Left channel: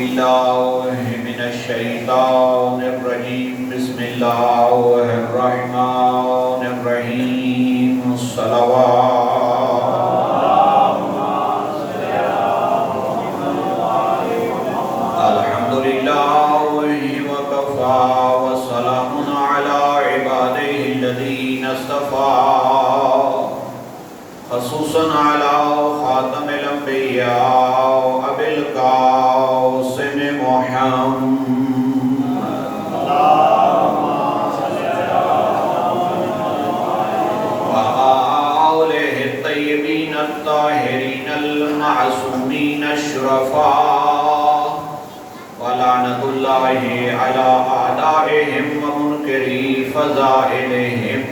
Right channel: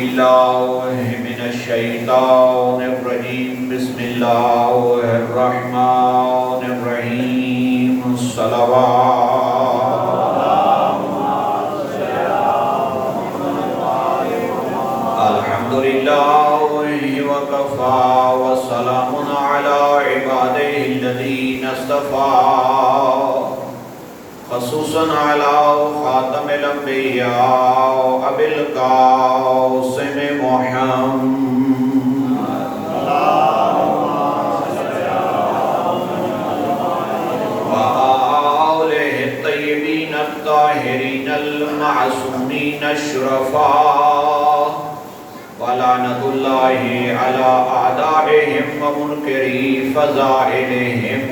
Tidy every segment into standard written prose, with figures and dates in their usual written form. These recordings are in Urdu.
الله من الشيطان الرجيم بسم الله الرحمن الرحيم صلوات الحمد لله وكفى وسلام على عباده الذين اصطفى خصوصا على خاتم الانبياء ابي القاسم محمد وآله الطيبين الطاهرين المعصومين الشرفاء ولعنة الله على أعدائهم ومنكري فضائلهم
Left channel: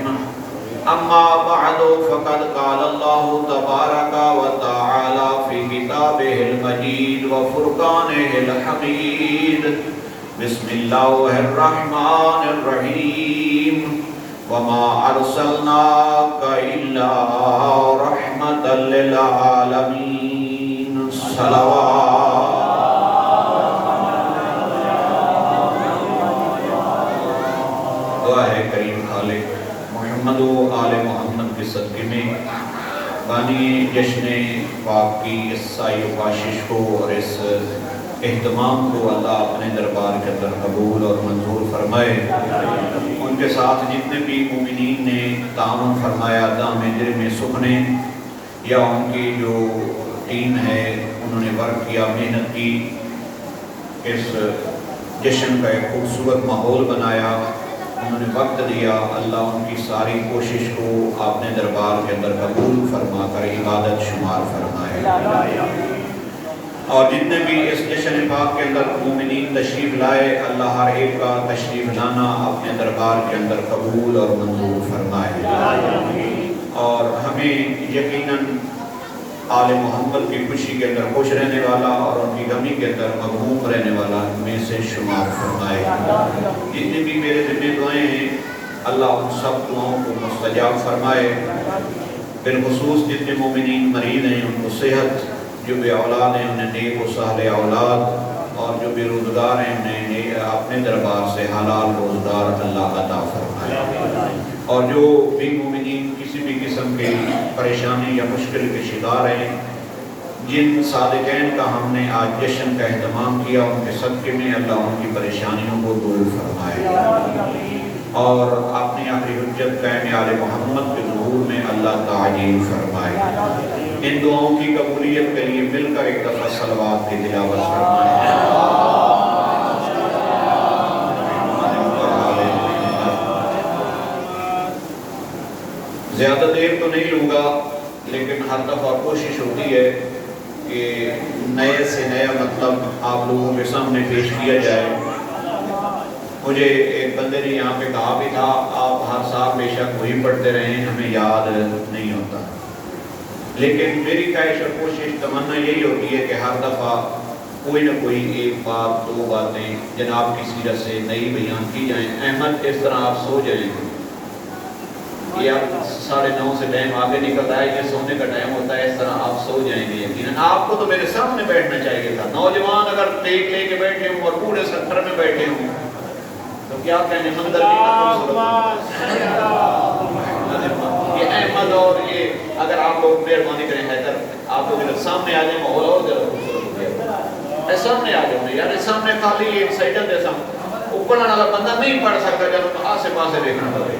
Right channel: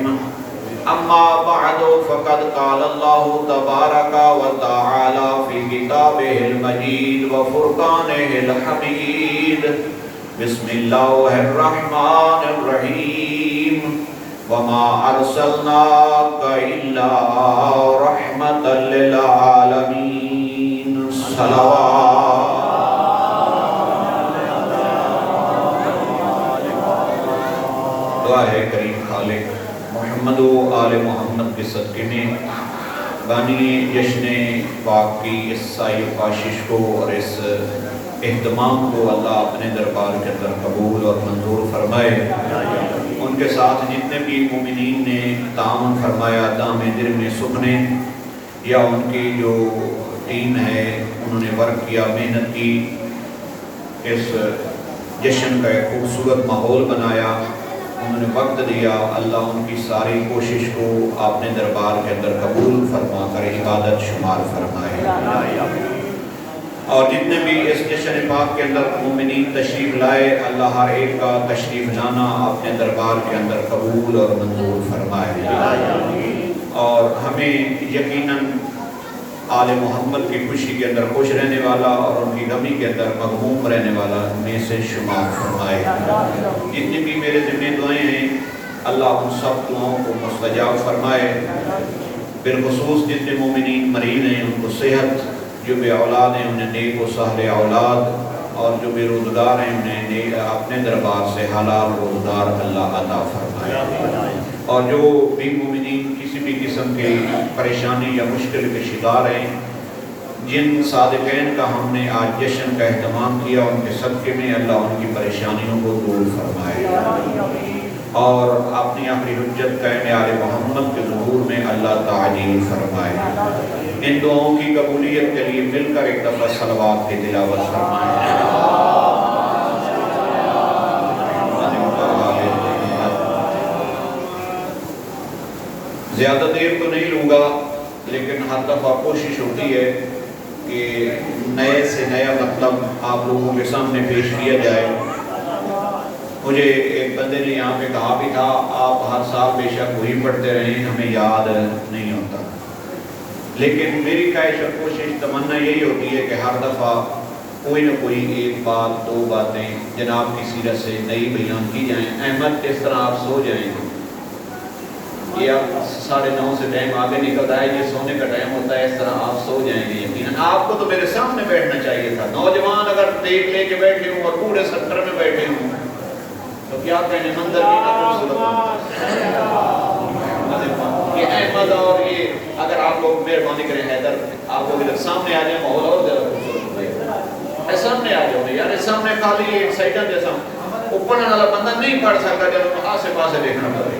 أما بعد فقد قال الله تبارك وتعالى في كتابه المجيد وفرقانه الحميد بسم الله الرحمن الرحيم وما أرسلناك إلا رحمة للعالمين صلوات دعا ہے کریم خالق محمد و آل محمد کے صدقے میں غانی جشن پاک کی اس سائی کاشش کو اور اس اہتمام کو اللہ اپنے دربار کے اندر قبول اور منظور فرمائے۔ ان کے ساتھ جتنے بھی مومنین نے تعاون فرمایا دام جرم سکھنے یا ان کی جو ٹیم ہے انہوں نے ورک کیا، محنت کی، اس جشن کا ایک خوبصورت ماحول بنایا، انہوں نے وقت دیا، اللہ ان کی ساری کوشش کو اپنے دربار کے اندر قبول فرما کر عبادت شمار فرمائے۔ اور جتنے بھی اس جشن پاک کے اندر مومنین تشریف لائے، اللہ ہر ایک کا تشریف لانا اپنے دربار کے اندر قبول اور منظور فرمائے۔ اور ہمیں یقیناً آل محمد کی خوشی کے اندر خوش رہنے والا اور ان کی غمی کے اندر مغموم رہنے والا میں سے شمار فرمائے۔ جتنی بھی میرے ذمہ دعائیں ہیں اللہ ان سب دعاؤں کو مستجاب فرمائے۔ بالخصوص جتنے مومنین مریض ہیں ان کو صحت، جو بے اولاد ہیں انہیں نیک و صالح اولاد، اور جو بے روزگار ہیں انہیں اپنے دربار سے حلال روزگار اللہ عطا فرمائے۔ اور جو بھی مومنین کسی بھی قسم کی پریشانی یا مشکل کے شکار ہیں، جن صادقین کا ہم نے آج جشن کا اہتمام کیا ان کے صدقے میں اللہ ان کی پریشانیوں کو دور فرمائے اور اپنی آخری حجت قائم آل محمد کے ظہور میں اللہ تعجیل فرمائے۔ ان دعاؤں کی قبولیت کے لیے مل کر ایک دفعہ صلوات کی تلاوت فرمائے۔ زیادہ دیر تو نہیں لوں گا، لیکن ہر دفعہ کوشش ہوتی ہے کہ نئے سے نیا مطلب آپ لوگوں کے سامنے پیش کیا جائے۔ مجھے ایک بندے نے یہاں پہ کہا بھی تھا آپ ہر سال بے شک وہی پڑھتے رہیں، ہمیں یاد نہیں ہوتا، لیکن میری خواہش اور کوشش تمنا یہی ہوتی ہے کہ ہر دفعہ کوئی نہ کوئی ایک بات دو باتیں جناب کی سیرت سے نئی بیان کی جائیں۔ احمد اس طرح آپ سو جائیں گے، یہ 9:30 سے ٹائم آگے نکل رہا ہے، یہ سونے کا ٹائم ہوتا ہے، اس طرح آپ سو جائیں گے۔ یقیناً آپ کو تو میرے سامنے بیٹھنا چاہیے تھا۔ نوجوان اگر ٹیک لے کے بیٹھے ہوں اور پورے سفر میں بیٹھے ہوں تو کیا کہنے منظر کی نہ خوبصورت یہ احمد اور یہ اگر آپ لوگ مہربانی کریں حیدر آپ لوگ ادھر سامنے آ جائیں، ماحول اور ذرا خوبصورت ہو جائے۔ سامنے آ جاؤ یار، سامنے خالی ایک سائڈر جیسا اوپر والا بندہ نہیں پڑھ سکتا جب آسے پاسے دیکھنا پڑے۔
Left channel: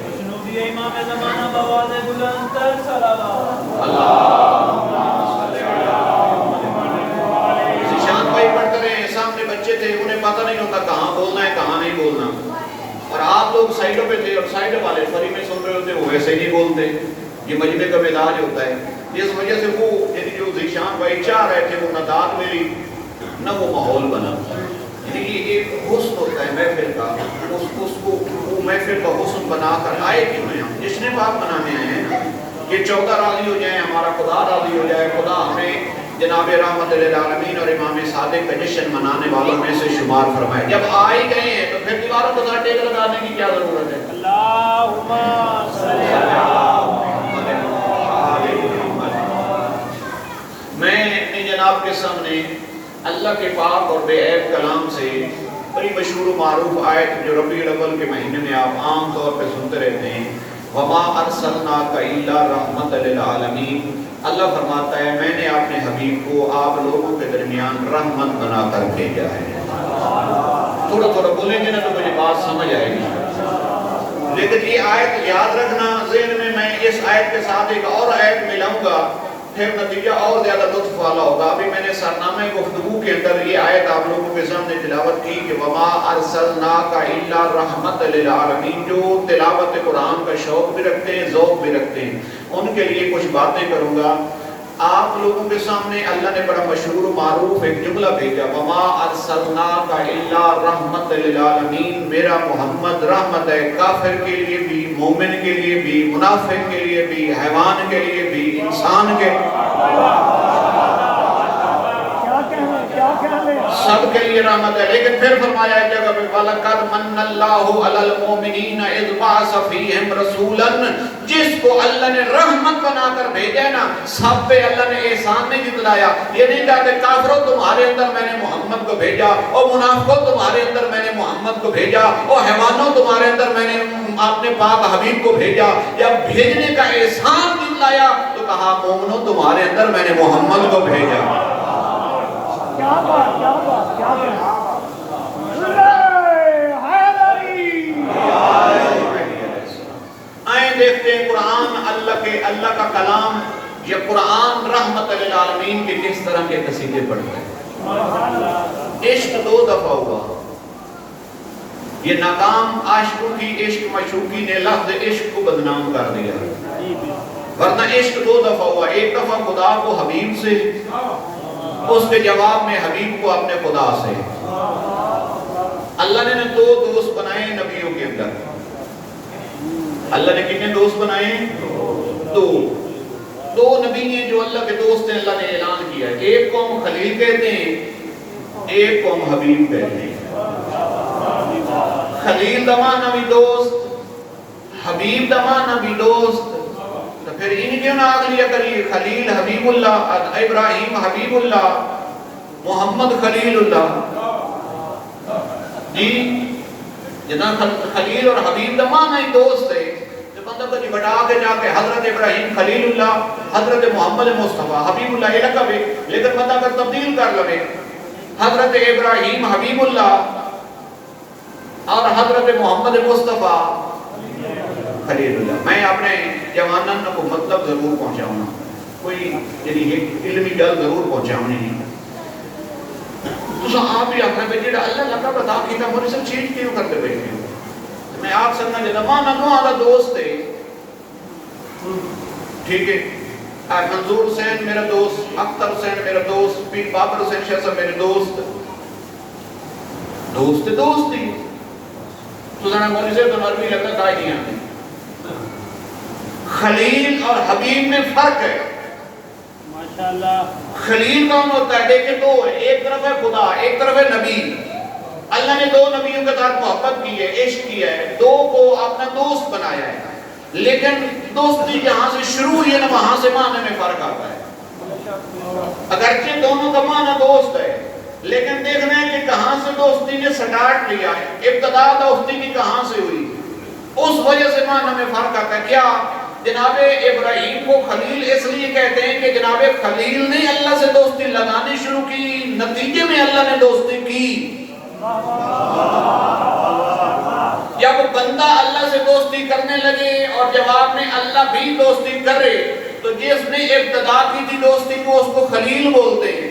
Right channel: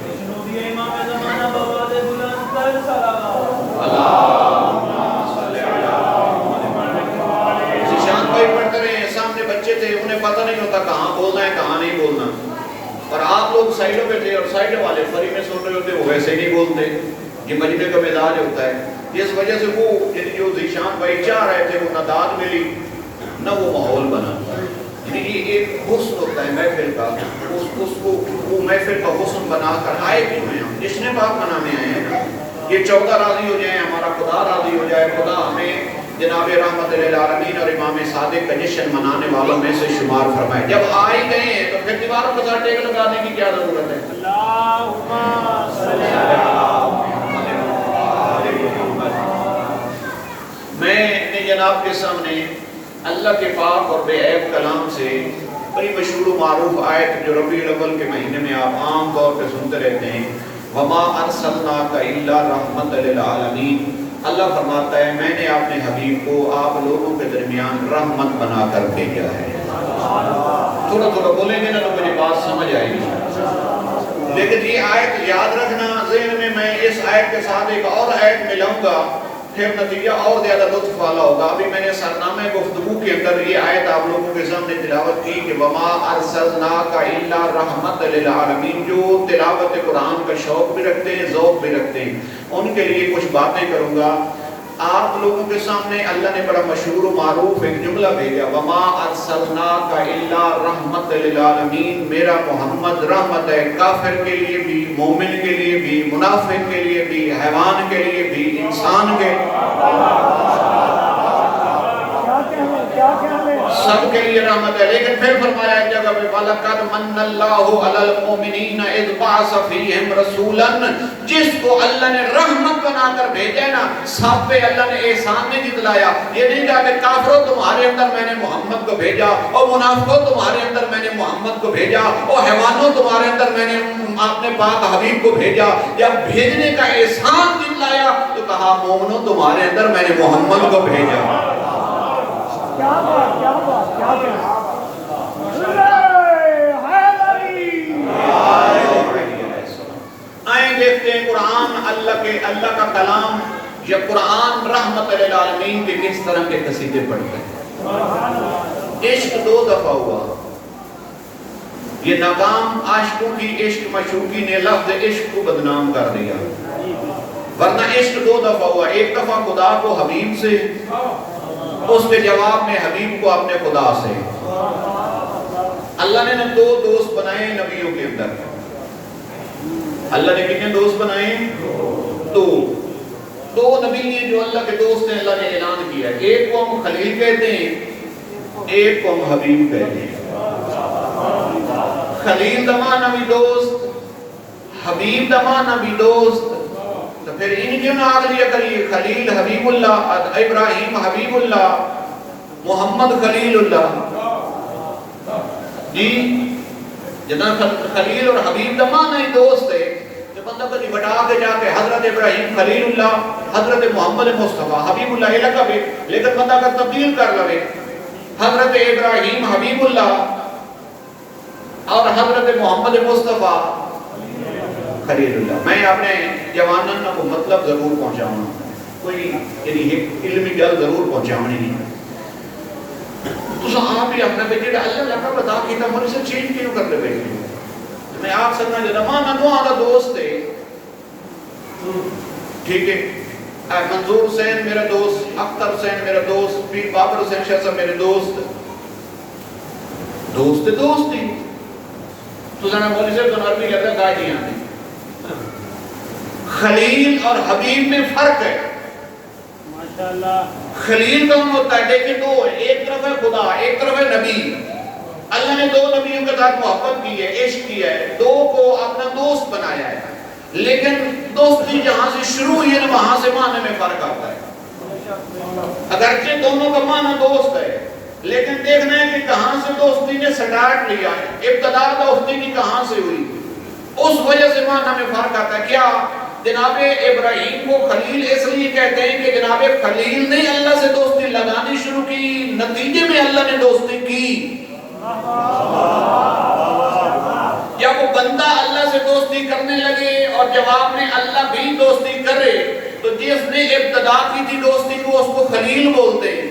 ذیشان بھائی پڑھتے رہے ہیں، سامنے بچے تھے، انہیں پتہ نہیں ہوتا کہاں بولنا ہے کہاں نہیں بولنا، اور آپ لوگ سائڈوں پہ تھے اور سائڈوں والے فری میں سن رہے ہوتے وہ ویسے نہیں بولتے۔ یہ مجمع کا مزاج ہوتا ہے، اس وجہ سے وہ جو ذیشان بھائی چاہ رہے تھے وہ نہ داد ملی نہ وہ ماحول بنا۔ یعنی ایک حسن ہوتا ہے محفل کا، اس کو وہ محفل کا حسن بنا کر آئے کیوں ہیں؟ ہم جشن پاک منانے ہیں کہ 14 راضی ہو جائیں، ہمارا خدا راضی ہو جائے، خدا ہمیں جناب رحمت للعالمین اور امام صادق کا جشن منانے والوں میں سے شمار فرمائے۔ جب آ ہی گئے ہیں تو پھر دیواروں کے ساتھ ٹیک لگانے کی کیا ضرورت ہے؟ اللہم صلی علی محمد۔ میں اپنے جناب کے سامنے اللہ کے پاک اور بے عیب کلام سے بڑی مشہور و معروف آیت جو ربیع الاول کے مہینے میں آپ عام طور پہ سنتے رہتے ہیں، وما ارسلناک الا رحمت للعالمین۔ اللہ فرماتا ہے میں نے اپنے حبیب کو آپ لوگوں کے درمیان رحمت بنا کر بھیجا ہے۔ تھوڑا تھوڑا بولیں گے نا تو مجھے بات سمجھ آئے گی، لیکن یہ آیت یاد رکھنا ذہن میں اس آیت کے ساتھ ایک اور آیت ملاؤں گا، پھر نتیجہ اور زیادہ لطف والا ہوگا۔ ابھی میں نے سرنامے گفتگو کے اندر یہ آیت آپ لوگوں کے سامنے تلاوت کی کہ وما ارسلناک الا رحمت للعالمین۔ جو تلاوت قرآن کا شوق بھی رکھتے ہیں، ذوق بھی رکھتے ہیں، ان کے لیے کچھ باتیں کروں گا۔ آپ لوگوں کے سامنے اللہ نے بڑا مشہور و معروف ایک جملہ بھیجا، وما ارسلناک الا رحمت للعالمین۔ میرا محمد رحمت ہے، کافر کے لیے بھی، مومن کے لیے بھی، منافق کے لیے بھی، حیوان کے لیے بھی، انسان کے سب کے لیے رحمت ہے۔ لیکن پھر فرمایا ایک جگہ پہ وَلَقَدْ مَنَّ اللَّهُ عَلَى الْمُؤْمِنِينَ إِذْ بَعَثَ فِيهِمْ رَسُولًا۔ جس کو اللہ نے رحمت بنا کر بھیجا نا، سب پہ اللہ نے احسان نہیں جتلایا۔ یہ نہیں کہا کہ کافروں تمہارے اندر میں نے محمد کو بھیجا، اور منافقوں تمہارے اندر میں نے محمد کو بھیجا، اور حیوانوں تمہارے اندر میں نے اپنے پاک حبیب کو بھیجا۔ یا بھیجنے کا احسان جتلایا تو کہا مومنوں تمہارے اندر میں نے محمد کو بھیجا۔ کیا بات، کیا بات، کیا بات۔ آئیں دیکھتے ہیں قرآن اللہ کا کلام، یہ قرآن رحمت للعالمین کے کس طرح کے قصیدے پڑھتے ہیں۔ عشق 2 دفعہ ہوا، یہ ناکام عاشقوں کی عشق مشوقی نے لفظ عشق کو بدنام کر دیا، ورنہ عشق 2 دفعہ ہوا۔ ایک دفعہ خدا کو حبیب سے، اس کے جواب میں حبیب کو اپنے خدا سے۔ اللہ نے 2 دوست بنائے نبیوں کے اندر۔ اللہ نے کتنے دوست بنائے؟ 2 نبی ہیں جو اللہ کے دوست ہیں۔ اللہ نے اعلان کیا ہے، ایک کو ہم خلیل کہتے ہیں، ایک کو ہم حبیب کہتے ہیں۔ خلیل دما نبی دوست، حبیب دما نبی دوست، تو پھر ان کیوں نہ آگ لیا کریے؟ خلیل حبیب اللہ، ابراہیم حبیب اللہ، محمد خلیل اللہ۔ جی جناب خلیل اور حبیب دمان ہی دوست ہے، جو بندہ کو بٹا کے جا کے حضرت ابراہیم خلیل اللہ، حضرت محمد مصطفیٰ حبیب اللہ لقب ہے، لیکن بندہ کا تبدیل کر لے، حضرت ابراہیم حبیب اللہ اور حضرت محمد مصطفیٰ خلیل اللہ۔ میں اپنے جوانان کو مطلب ضرور پہنچاؤں، کوئی یعنی ایک علمی جل ضرور پہنچاؤں نہیں۔ تو آپ بھی اپنا بیٹے اللہ لقب ادا کیتا ہمارے سے چینج کیوں کر دے بیٹھے؟ میں آپ سننا جدما نہ آدھا دوست ہے، ٹھیک ہے، منظور حسین میرا دوست، اختر حسین میرا دوست، پیر بابر حسین شاہ صاحب میرے دوست، دوست ہی تو جانا مولوی صاحب تو عربی لگتا گائے نہیں آتی۔ خلیل اور حبیب میں فرق ہے۔ خلیل کون ہوتا ہے؟ دیکھیں 2 ہے، ایک طرف ہے خدا، ایک طرف ہے نبی۔ اللہ نے 2 نبیوں کے ساتھ محبت کی ہے، عشق کیا ہے، 2 کو اپنا دوست بنایا ہے، لیکن دوستی جہاں سے شروع ہوئی ہے نا وہاں سے معنی میں فرق آتا ہے۔ اگرچہ دونوں کا معنی دوست ہے، لیکن دیکھنا ہے کہ کہاں سے دوستی نے سٹارٹ لیا ہے، ابتدا دوستی کی کہاں سے ہوئی، اس وجہ سے معنی میں فرق آتا ہے۔ کیا جناب ابراہیم کو خلیل اس لیے کہتے ہیں کہ جناب خلیل نے اللہ سے دوستی لگانی شروع کی، نتیجے میں اللہ نے دوستی کی۔ جب بندہ اللہ سے دوستی کرنے لگے اور جواب میں اللہ بھی دوستی کرے تو جس نے ابتدا کی تھی دوستی کو اس کو خلیل بولتے ہیں۔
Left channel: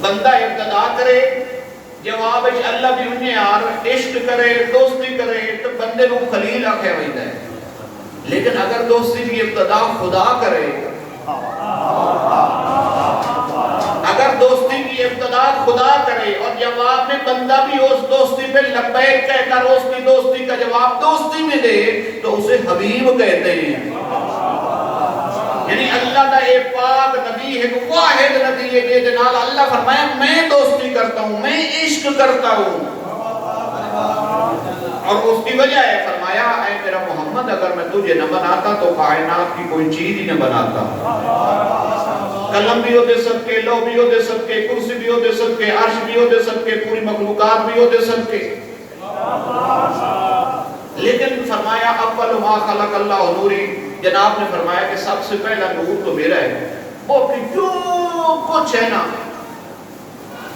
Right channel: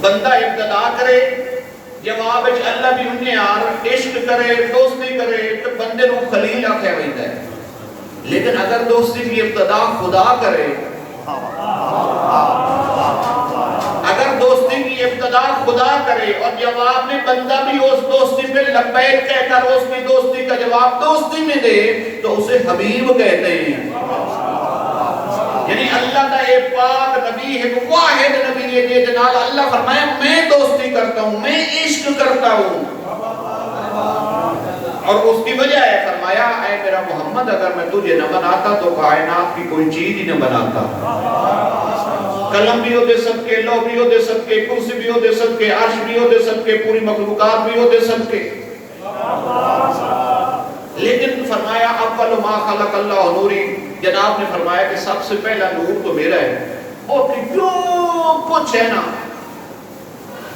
بندہ ابتدا کرے، جواب اللہ بھی انہیں عشق کرے، دوستی کرے تو بندے کو خلیل آخیا ہوتا ہے۔ لیکن اگر دوستی کی ابتدا خدا کرے، اگر دوستی کی ابتدا خدا کرے اور جواب میں بندہ بھی اس دوستی پہ لبیک کہہ کر اس کی دوستی کا جواب دوستی میں دے تو اسے حبیب کہتے ہیں۔ یعنی اللہ کا ایک پاک نبی ہے، واحد نبی ہے جس نال اللہ فرمایا میں دوستی کرتا ہوں، میں عشق کرتا ہوں۔ اور اس کی وجہ ہے فرمایا اے میرا محمد اگر میں تجھے نہ بناتا تو کائنات کی کوئی چیز ہی نہ بناتا. قلم بھی ہو دے سکے, لو بھی ہو دے سکے, کرسی بھی ہو دے سکے, عرش بھی ہو دے سکے, پوری مخلوقات بھی ہو دے سکے. لیکن فرمایا اول ما خلق اللہ نوری, جناب نے فرمایا کہ سب سے پہلا نور تو میرا ہے, وہ جو کچھ ہے نا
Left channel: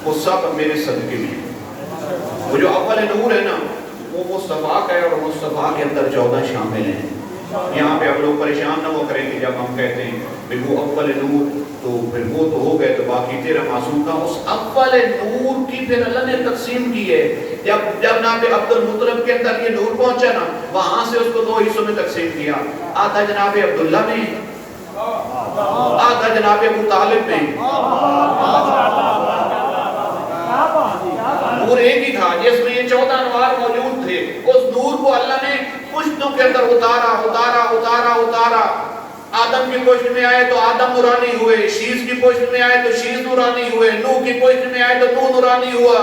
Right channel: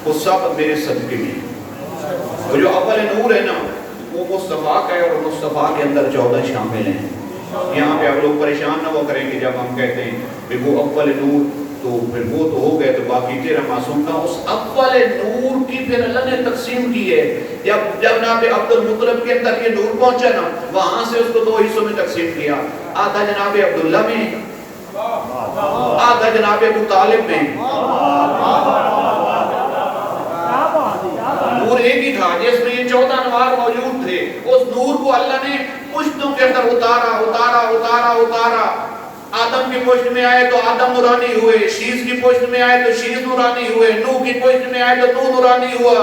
وہ سب میرے صدقے میں. وہ جو اول نور ہے نا وہ مصطفیٰ کا ہے, اور مصطفیٰ کے اندر 14 شامل ہیں. یہاں پہ آپ لوگ پریشان نہ ہو کریں کہ جب ہم کہتے ہیں کہ وہ اول نور تو پھر وہ تو ہو گئے تو باقی تیرا معصوم تھا. اس اول نور کی پھر اللہ نے تقسیم کی ہے. جب جناب عبد المطلب کے اندر یہ نور پہنچا نا, وہاں سے اس کو 2 حصوں میں تقسیم کیا. آدھا جناب عبداللہ میں, آدھا جناب ابو طالب میں. نور ایک ہی تھا جس میں یہ 14 انوار موجود تھے. اس نور کو اللہ نے پشتوں کے اندر اتارا اتارا اتارا اتارا. آدم کی پشت میں آئے تو آدم نورانی ہوئے, شیز کی پشت میں آئے تو شیز نورانی ہوئے, نوح کی پشت میں آئے تو نوح نورانی ہوا,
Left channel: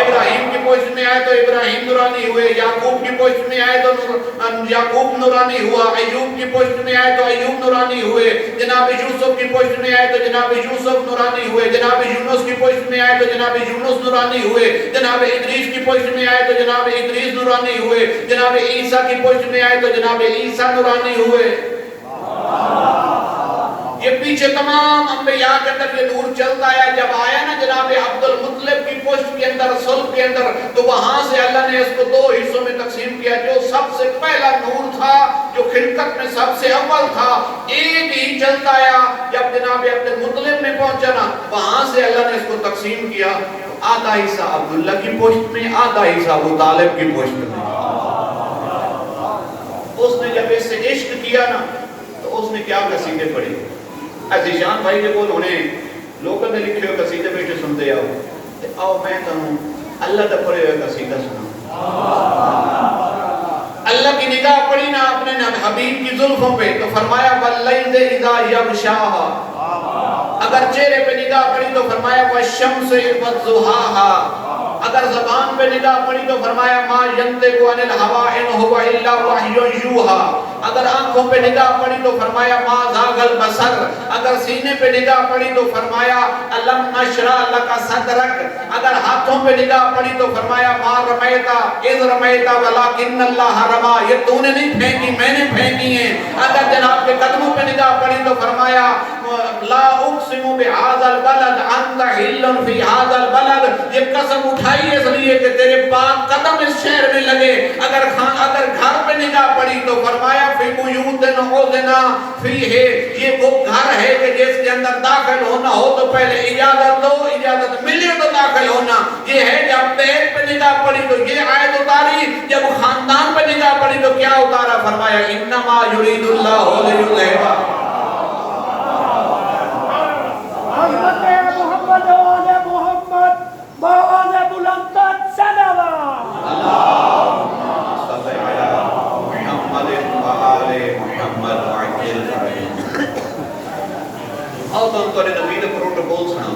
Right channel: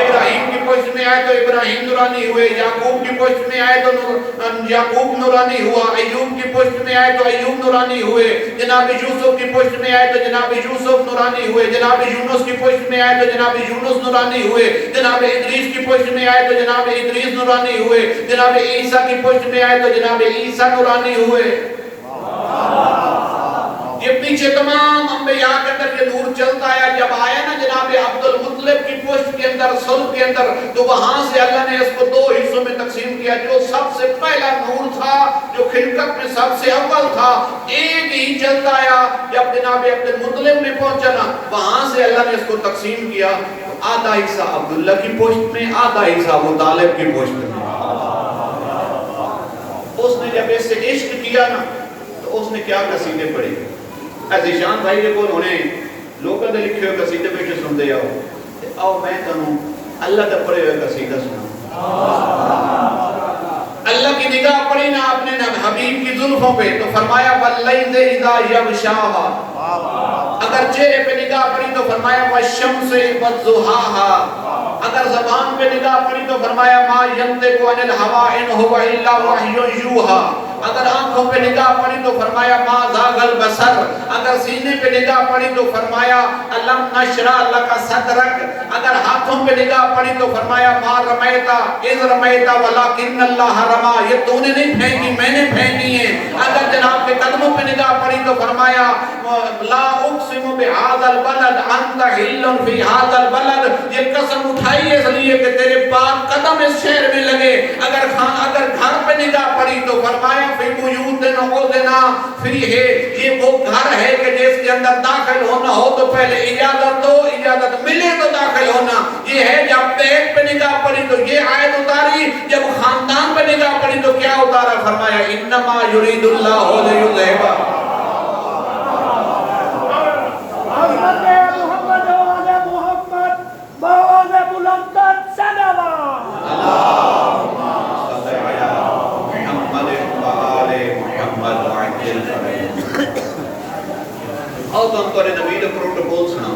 ابراہیم کی پشت میں آئے تو ابراہیم نورانی ہوئے, یعقوب کی پشت میں آئے تو یعقوب نورانی ہوا, ایوب کی پشت میں آئے تو ایوب نورانی ہوئے, جناب یوسف کی پشت میں آئے تو جناب یوسف نورانی ہوئے, جناب یونس کی پشت میں آئے تو جناب یونس نورانی ہوئے, جناب ادریس کی پشت میں آئے تو جناب ادریس نورانی ہوئے, جناب عیسیٰ کی پشت میں آئے تو جناب عیسیٰ نورانی ہوئے. یہ پیچھے تمام انبیاء کے اندر یہ نور چلتا ہے. جب آیا نا جناب عبد المطلب کی پشت کے اندر, صلب کے اندر, تو وہاں سے اللہ نے اس کو 2 حصوں میں تقسیم کیا. جو سب سے پہلا نور تھا, جو خلقت میں سب سے اول تھا, ایک ہی چلتا آیا. جب جناب عبد المطلب میں پہنچا نا, وہاں سے اللہ نے اس کو تقسیم کیا. آدھا حصہ عبداللہ کی پشت میں, آدھا حصہ ابو طالب کی پشت میں. اس نے جب اس سے عشق کیا نا تو اس نے کیا قصیدے پڑھی. ذیشان بھائی نے بول ہونے لوگوں نے لکھے ہوئے قصیدے پہ سنتے آؤ میں تمہیں اللہ تک پڑھے ہوئے قصیدہ سنا. اللہ کی نگاہ پڑی نا اپنے حبیب کی زلفوں پہ تو فرمایا وَاللَّيْلِ إِذَا يَغْشَاهَا. اگر چہرے پہ نگاہ پڑی تو فرمایا وَالشَّمْسِ وَالضُّحَاهَا. اگر زبان پہ نگاہ پڑی تو فرمایا مَا يَنطِقُ عَنِ الْهَوَىٰ إِنْ هُوَ إِلَّا وَحْيٌ يُوحَىٰ. اگر آنکھوں پہ نگاہ پڑی تو فرمایا ما زاغ البصر. اگر سینے پہ نگاہ پڑی تو فرمایا الم نشرح لک صدرک. اگر ہاتھوں پہ نگاہ پڑی تو فرمایا ما رمیتا اذ رمیتا ولکن اللہ رما. یہ تو نے نہیں پھینکی, میں نے پھینکی ہیں. اگر جناب کے قدموں پہ نگاہ پڑی تو فرمایا لا اقسم بهذا البلد انت حل في هذا البلد. یہ قسم اٹھائی اس لیے کہ تیرے پاک قدم اس شہر میں لگے. اگر گھر پہ نگاہ پڑی تو فرمایا فی بیوت اذن فیہ. یہ وہ گھر ہے کہ جس کے اندر داخل ہونا ہو تو پہلے اجازت دو, اجازت ملے تو داخل ہونا. یہ ہے جب بیت پہ نگاہ پڑی تو یہ آیت اتاری, جب خاندان پہ نگاہ پڑی تو کیا اتارا, فرمایا انما یرید اللہ لیذہب. حضرت محمد و آل محمد بآواز بلند صلوات. اللہم صلی علی محمد و آل محمد وعجل فرجهم. اور تو انتوارے نبی دے پروٹوکول سنا.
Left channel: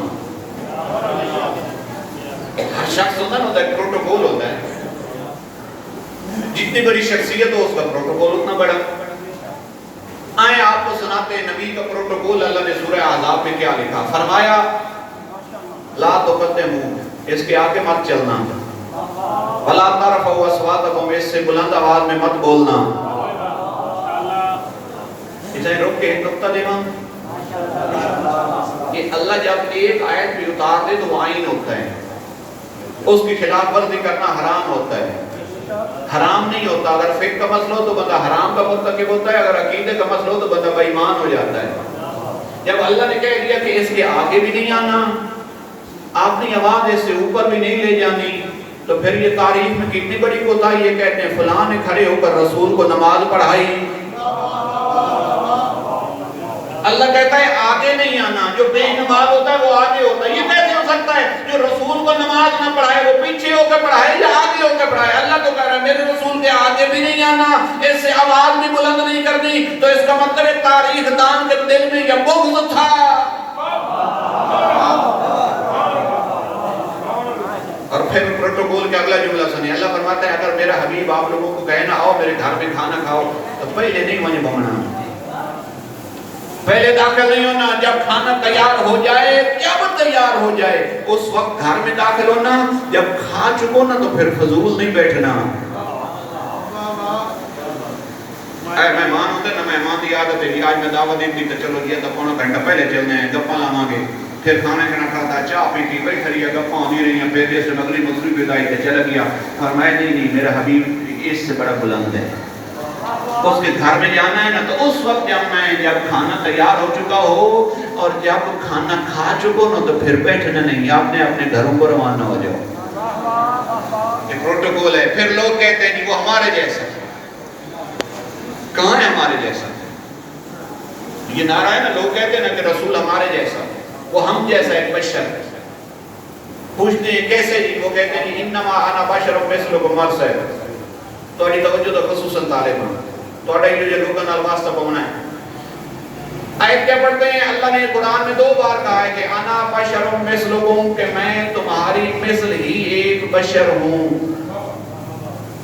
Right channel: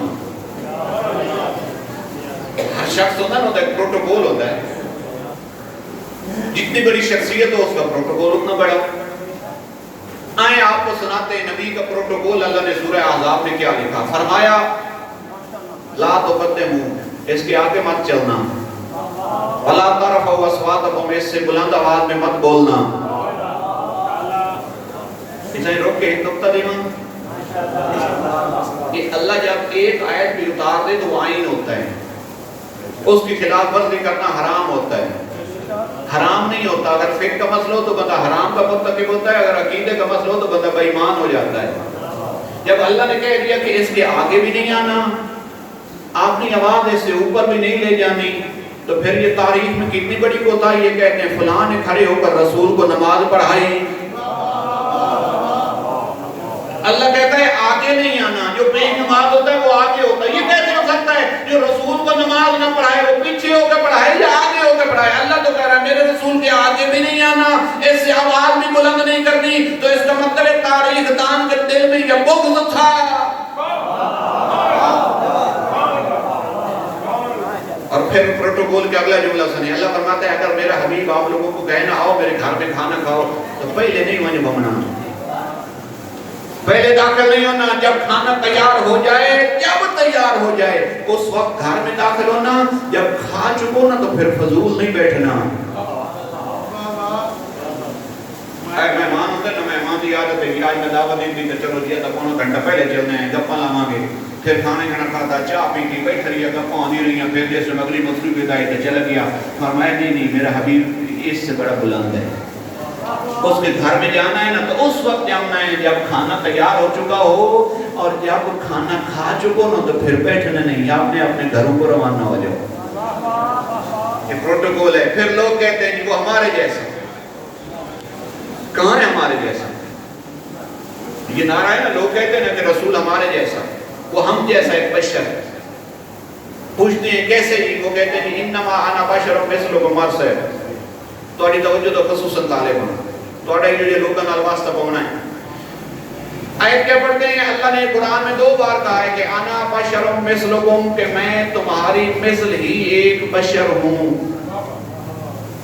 ہر شخص ہوتا ہے نا, ایک پروٹوکول ہوتا ہے. جتنی بڑی شخصیت ہو اس کا پروٹوکول اتنا بڑا. آئیں آپ کو سناتے ہیں نبی کا پروٹوکول. اللہ نے سورہ احزاب میں کیا لکھا, فرمایا لا تقدموا, اس کے آگے مت چلنا, ولا ترفعوا اصواتکم, اس سے بلند آواز میں مت بولنا. اسے رک کے ایک نقطہ دینا کہ اللہ جب ایک آیت بھی اتار دے تو وہ آئین ہوتا ہے, اس کی خلاف ورزی کرنا حرام ہوتا ہے. حرام نہیں ہوتا. اگر فقہ کا مسئلہ ہو تو بندہ حرام کا مرتکب ہوتا ہے, اگر عقیدے کا مسئلہ ہو تو بندہ بے ایمان ہو جاتا ہے. جب اللہ نے کہہ دیا کہ اس کے آگے بھی نہیں آنا, اپنی آواز اس سے اوپر بھی نہیں لے جانی, تو پھر یہ تاریخ میں کتنی بڑی کوتاہی. یہ کہتے ہیں فلاں نے کھڑے ہو کر رسول کو نماز پڑھائی. اللہ کہتا ہے آگے نہیں آنا. جو بے نماز ہوتا ہے وہ آگے ہوتا ہے. یہ کیسے ہو سکتا ہے جو رسول کو نماز نہ پڑھائے وہ پیچھے ہو کے پڑھائے یا آگے ہو کے پڑھائے؟ اللہ تو کہہ رہا ہے میرے رسول کے آگے بھی نہیں آنا, اس سے آواز بھی بلند نہیں کرنی. تو اس کا مطلب ہے تاریخ دان کے دل میں یہ بغض تھا. اور پھر پروٹوکول کے اگلا جملہ سنیں. اللہ فرماتا ہے اگر میرا حبیب آپ لوگوں کو کہے نا آؤ میرے گھر میں کھانا کھاؤ تو پہلے نہیں وہیں بمنا, پہلے داخل نہیں ہونا. جب کھانا تیار ہو جائے, جب تیار ہو جائے اس وقت گھر میں داخل ہونا. جب کھا چکو نا تو پھر فضول نہیں بیٹھنا. اے مہمان ہوتے نا, مہمان کی عادت ہے کہ آج میں دعوت دی تھی تو چلو جی تو پونا گھنٹہ پہلے چلنے ہیں, گپاں لاواں گے. پھر کھانا کھانا کھاتا, چاہ پی کی بیٹھ رہی ہے, گپاں آنی رہی ہیں. پھر جیسے مغرب مغرب ادائی تے چلا گیا. فرمایا نہیں میرا حبیب اس سے بڑا بلند ہے. اس کے گھر میں جانا ہے نا تو اس وقت جانا ہے جب کھانا تیار ہو چکا ہو, اور جب کھانا کھا چکو نا تو پھر بیٹھنا نہیں, آپ نے اپنے گھروں کو روانہ ہو جاؤ. یہ پروٹوکول ہے. پھر لوگ کہتے ہیں وہ ہمارے جیسا ہے. کہاں ہے ہمارے جیسا؟ یہ نعرہ ہے نا, لوگ کہتے ہیں نا کہ رسول ہمارے جیسا ہے, وہ ہم جیسا ایک بشر ہے. پوچھتے ہیں کیسے جی؟ وہ کہتے ہیں انما انا بشر مثلکم مرسل. تھوڑی توجہ تو خصوصاً طالبان تھوڑا یہ لوگوں نال واسطہ پاؤنا ہے. آیت کیا پڑھتے ہیں؟ اللہ نے قرآن میں 2 بار کہا ہے کہ انا بشر مثلکم, کہ میں تمہاری مثل ہی ایک بشر ہوں.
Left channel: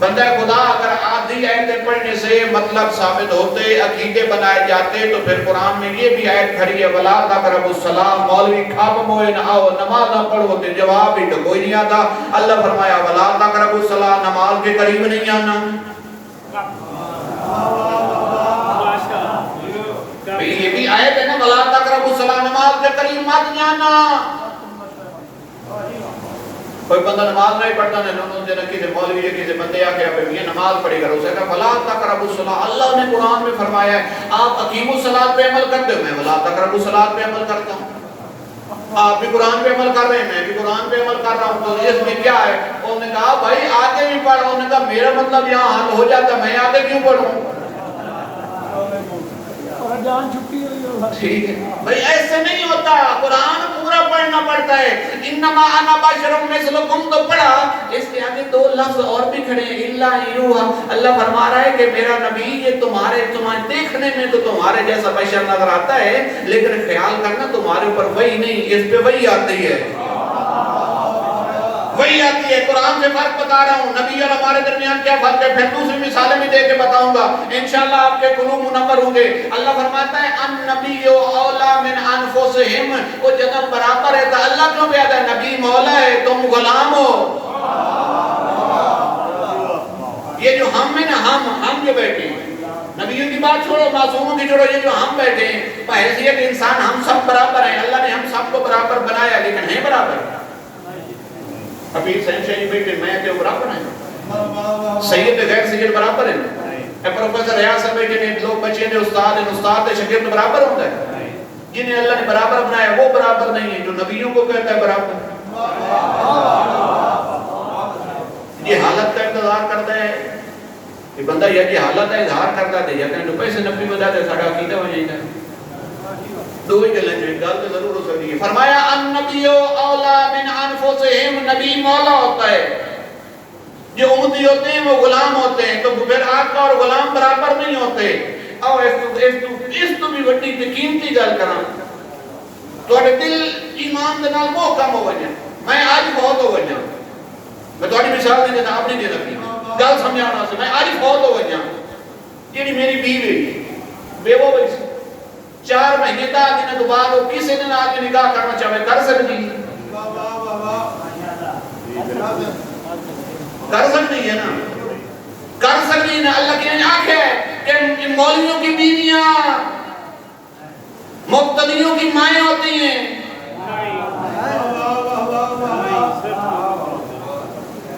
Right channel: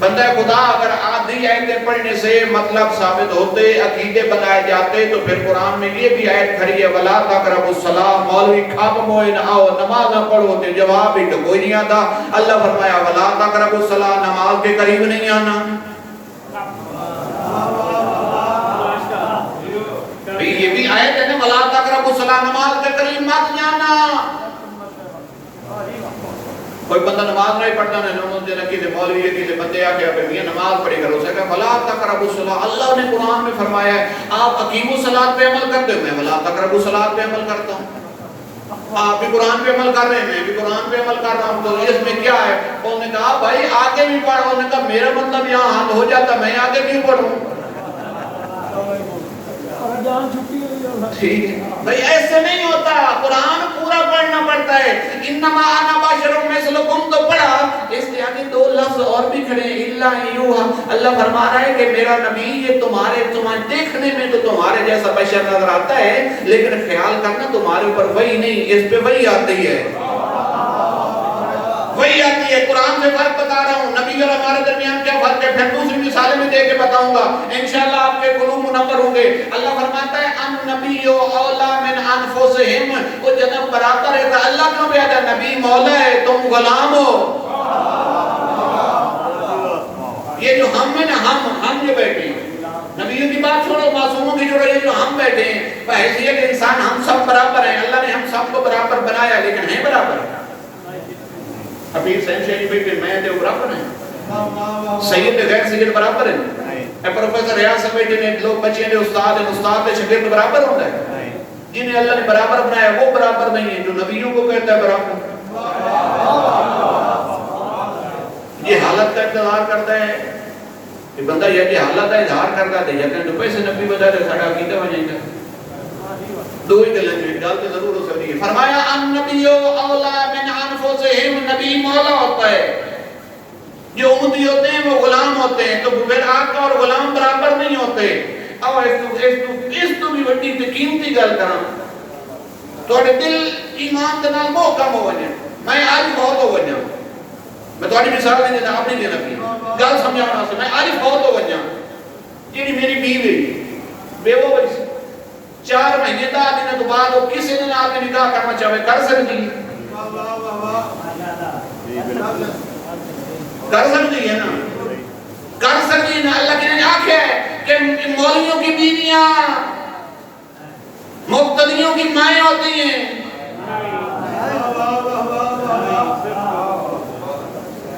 بندہ خدا اگر آدھی آیتیں پڑھنے سے مطلب ثابت ہوتے, عقیدے بنائے جاتے, تو پھر قرآن میں یہ بھی آیت کھڑی ہے وَلَا تَقْرَبُوا الصَّلَاةَ. مولوی کھاپ موئے نہ آؤ نماز نہ پڑھو, تے جواب ہی تو کوئی نہیں آتا. اللہ فرمایا وَلَا تَقْرَبُوا الصَّلَاةَ, نماز کے قریب نہیں آنا. یہ بھی آیت ہے نا وَلَا تَقْرَبُوا الصَّلَاةَ, نماز کے قریب مت جانا. کوئی بندہ نماز نہیں پڑھتا نا, جو کسی مولوی ہے کسی بندے آ کے یہ نماز پڑھے گا, اسے کہا وَلَا تَقْرَبُوا الصَّلَاةَ. اللہ نے قرآن میں فرمایا ہے آپ اقیموا الصلاۃ پہ عمل کرتے ہو, میں وَلَا تَقْرَبُوا الصَّلَاۃ پہ عمل کرتا ہوں. آپ بھی قرآن پہ عمل کر رہے ہیں, میں بھی قرآن پہ عمل کر رہا ہوں, تو اس میں کیا ہے؟ انہوں نے کہا بھائی آگے بھی پڑھو. انہوں نے کہا میرا مطلب یہاں حل ہو جاتا, میں آگے کیوں پڑھوں؟ جان چھٹی ہوئی ہوگا. ٹھیک ہے بھائی, ایسے نہیں ہوتا. قرآن پورا پڑھنا پڑتا ہے. انما انا بشر مثلکم تو پڑھا, اس کے آگے 2 لفظ اور بھی کھڑے ہیں الا یوحا. اللہ فرما رہا ہے کہ میرا نبی یہ تمہارے دیکھنے میں تو تمہارے جیسا بشر نظر آتا ہے, لیکن خیال کرنا تمہارے اوپر وحی نہیں, اس پہ وحی آتی ہے. وہی آتی ہے. قرآن سے فرق بتا رہا ہوں, نبی اور ہمارے درمیان کیا فرق ہے, پھر دوسری مثالیں بھی دے کے بتاؤں گا انشاءاللہ, آپ کے قلوب منور ہوں گے. اللہ فرماتا ہے النبی اولا من انفسہم, وہ جنب برابر ہے. تو اللہ کیوں کہتا ہے نبی مولا ہے تم غلام ہو. یہ جو ہم ہیں نا, ہم جو بیٹھے ہیں, نبیوں کی بات چھوڑو, معصوموں کی چھوڑو, یہ جو ہم بیٹھے ہیں بحیثیت انسان ہم سب برابر ہیں. اللہ نے ہم سب کو برابر بنایا, لیکن ہیں برابر. حبیب سینشری بیٹے میں تے برابر ہیں, سید غیر سید برابر ہیں. اے پروفیسر ریاض صاحب بیٹے نے, لوگ بچے نے استاد ہیں, استاد تے شاگرد برابر ہوتا ہے. جنہیں اللہ نے برابر بنایا وہ برابر نہیں ہے, جو نبیوں کو کہتا ہے برابر. یہ حالت کا انتظار کرتا ہے کہ بندہ یہ حالت کا اظہار کرتا ہے, یا کہ پیسے نبی بتا دے سارا عقیدہ ہو جائے گا. 2 ہی گلیں جو گل تو ضرور ہو سکتی ہے. فرمایا النبی اولا من انفسہم, نبی مولا ہوتا ہے, جو امتی ہوتے ہیں وہ غلام ہوتے ہیں. تو پھر آقا اور غلام برابر نہیں ہوتے. اور اس تو بھی بڑی قیمتی گل کرنا, تھوڑے دل ایمان دے نال موہ کم ہو گئے. میں آج بہت ہو گیا, میں تھوڑی مثال نہیں دینا, اپنی دینا کی گل سمجھانا اسے. میں آج بہت ہو گیا, جی میری بیوی بیوہ ہوئی سی, 4 مہینے 10 دن کے بعد وہ کسی نے آ کے نکاح کرنا چاہے کر سکتی ہے, کر سکتی ہے نا, کر سکتی ہے نا. اللہ کی نے آنکھ ہے کہ مولویوں کی بیویاں مقتدیوں کی مائیں ہوتی ہیں.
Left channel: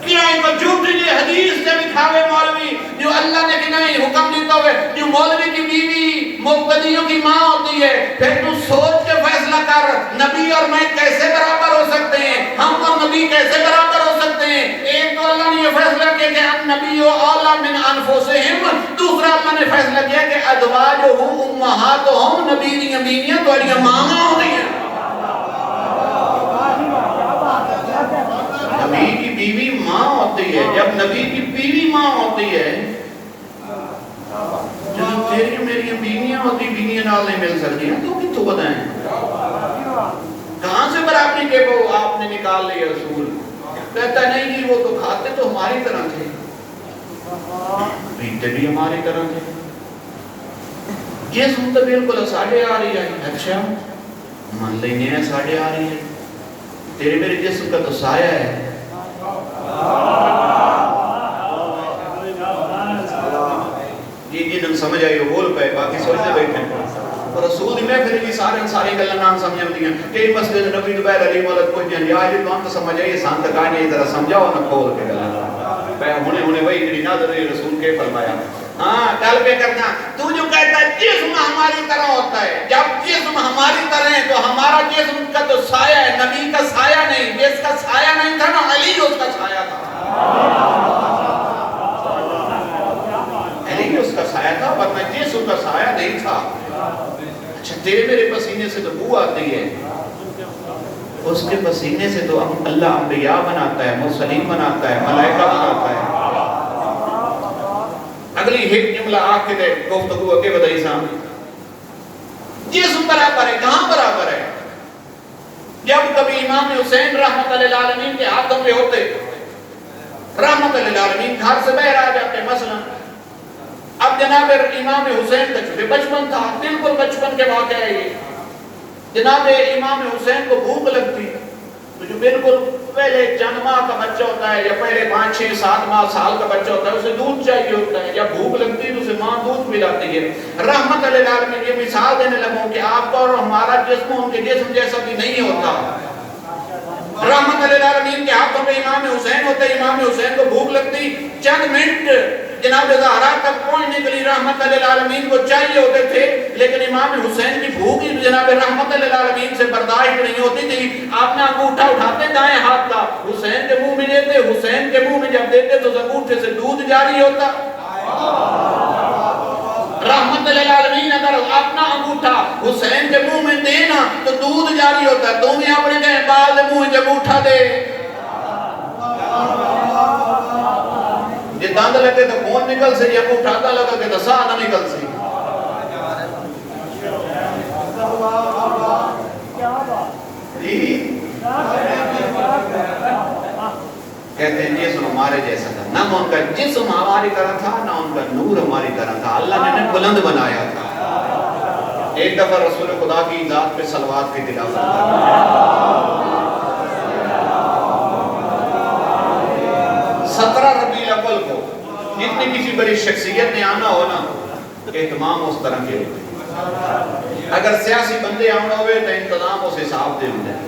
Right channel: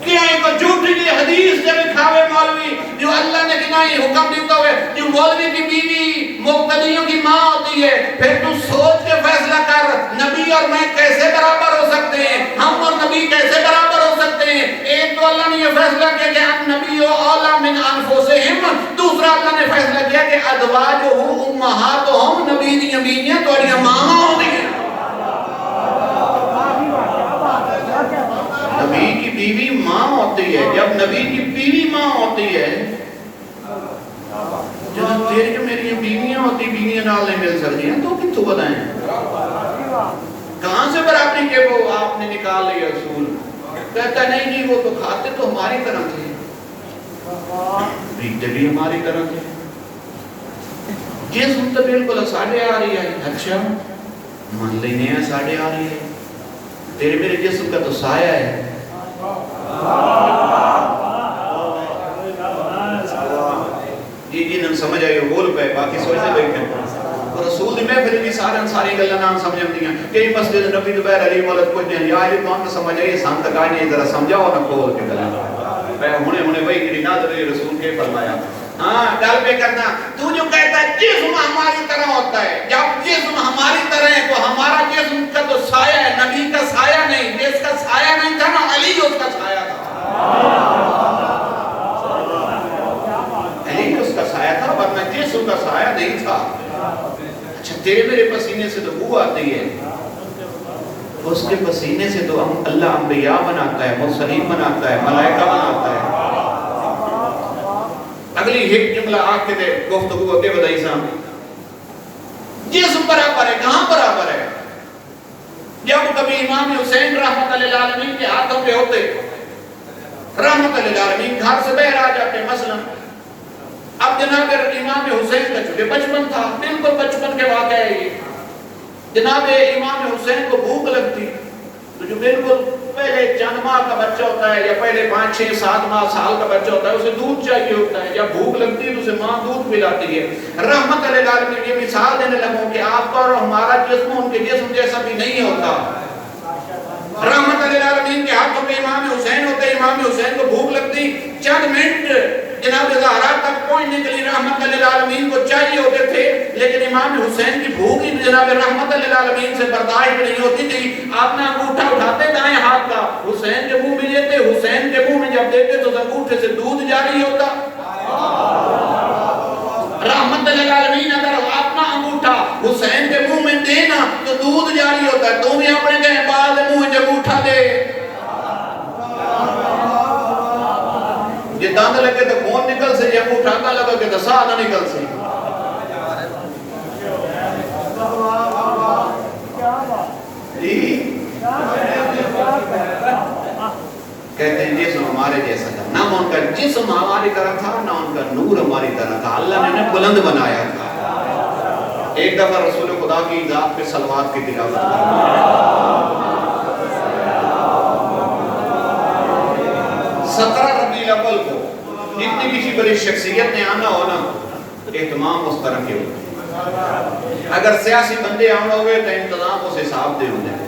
کیا ان کو جھوٹی جی حدیث سے دکھاوے مولوی, جو اللہ نے کنائی حکم دیتا ہوئے, جو مولوی کی بیوی مقتدیوں کی ماں ہوتی ہے. پھر تو سوچ کے فیصلہ کر, نبی اور میں کیسے برابر ہو سکتے ہیں, ہم اور نبی کیسے برابر ہو سکتے ہیں. ایک تو اللہ نے یہ فیصلہ کیا کہ نبی اولا من انفسہم, دوسرا اللہ نے فیصلہ کیا کہ ازواجہ امہاتہم, نبی دی بیویاں تمہاری ماں ہوتی ہیں. نبی کی بیوی ماں ہوتی ہے. جب نبی کی بیوی ماں ہوتی ہے, جب تیری میری بیویاں ہوتی, بیویاں نال نہیں مل سکتی ہیں, تو کتوں بتائیں کہاں سے برابری کے وہ آپ نے نکال لیا اصول. کہتا نہیں جی وہ تو کھاتے تو ہماری طرح تھے، پیتے بھی ہماری طرح تھے، جسم تو بالکل ساڑھے آ رہی ہے۔ اچھا مان لینے ہیں ساڑھے آ رہی ہے، تیرے میرے جسم کا تو سایہ ہے۔ یہ نم سمجھ آئی بول پہ باقی سوچتے بیٹھے اور رسول میں پھر بھی ساری گلہ نام سمجھ آتی ہیں کہ یہ مسجد نبی دبیر علی مولد کچھ ہیں یا یہ تو ہم تو سمجھ آئیے سانتا کہانی ذرا سمجھاؤ نہ کھول کے گلہ ہونے وہی جڑی نادر رسول کے فرمایا ہاں گل پہ کرنا تو جو کہتا ہے جسم ہماری طرح ہوتا ہے، جب جسم ہماری طرح ہے تو ہمارا جسم کا تو سایہ ہے، نبی کا سایہ نہیں، جس کا سایہ نہیں تھا نا علی اس کا سایہ تھا، علی اس کا سایہ تھا ورنہ جسم کا سایہ نہیں تھا۔ اچھا تیرے میرے پسینے سے تو بو آتی ہے، اس کے پسینے سے تو اللہ انبیاء بناتا ہے، مرسلین بناتا ہے، ملائکہ بناتا ہے۔ اگلی ایک جملہ آگ کے دے گفتگو کے بدائی سامنے جسم برابر ہے، کہاں برابر ہے؟ جب کبھی امام حسین رحمت اللہ العالمین کے ہاتھوں پہ ہوتے، رحمت اللہ العالمین گھر سے باہر آ جاتے، مثلا اب جناب امام حسین کا چونکہ بچپن تھا، بالکل بچپن کے واقعہ ہے یہ، جناب امام حسین کو بھوک لگتی تو جو بالکل پہلے چند ماہ کا بچہ ہوتا ہے یا پہلے 5 6 7 ماہ سال کا بچہ ہوتا ہے اسے دودھ چاہیے ہوتا ہے، جب بھوک لگتی ہے تو اسے ماں دودھ پلاتی ہے۔ رحمت اللہ العالمین یہ مثال دینے لگوں کہ آپ کا اور ہمارا جسم ان کے جسم جیسا بھی نہیں ہوتا۔ رحمت اللہ العالمین کے ہاتھوں پہ امام حسین ہوتے، امام حسین کو بھوک لگتی، چند منٹ جناب زہرا تک پہنچنے کے لیے رحمت اللہ العالمین کو چاہیے ہوتے تھے، لیکن امام حسین کی بھوک جناب رحمت اللہ العالمین سے برداشت نہیں ہوتی تھی۔ آپ نے انگوٹھا اٹھاتے دائیں ہاتھ کا، حسین کے منہ میں لیتے، حسین کے منہ میں جب دیتے تو انگوٹھے سے دودھ جاری ہوتا۔ رحمت اللہ العالمین اگر اپنا انگوٹھا حسین کے منہ میں دینا تو دودھ جاری ہوتا ہے، تو بھی اپنے کہیں بعد منہ جب انگوٹھا دے یہ داند لگے تو کون نکل سے، یہ انگوٹھا لگا کہ تو سا نہ نکل سے۔ کہتے ہیں جسم ہمارے جیسا تھا، نہ ان کا جسم ہماری طرح تھا نہ ان کا نور ہماری طرح تھا، اللہ نے انہیں بلند بنایا تھا۔ ایک دفعہ رسول خدا کی ذات پہ صلوات کی تلاوت کریں 17 ربیع الاول کو جتنی کسی بڑی شخصیت نے آنا ہو نا اہتمام اس طرح کے ہوتے ہیں، اگر سیاسی بندے آنا ہوئے تو انتظام اس حساب دے ہوتے ہیں،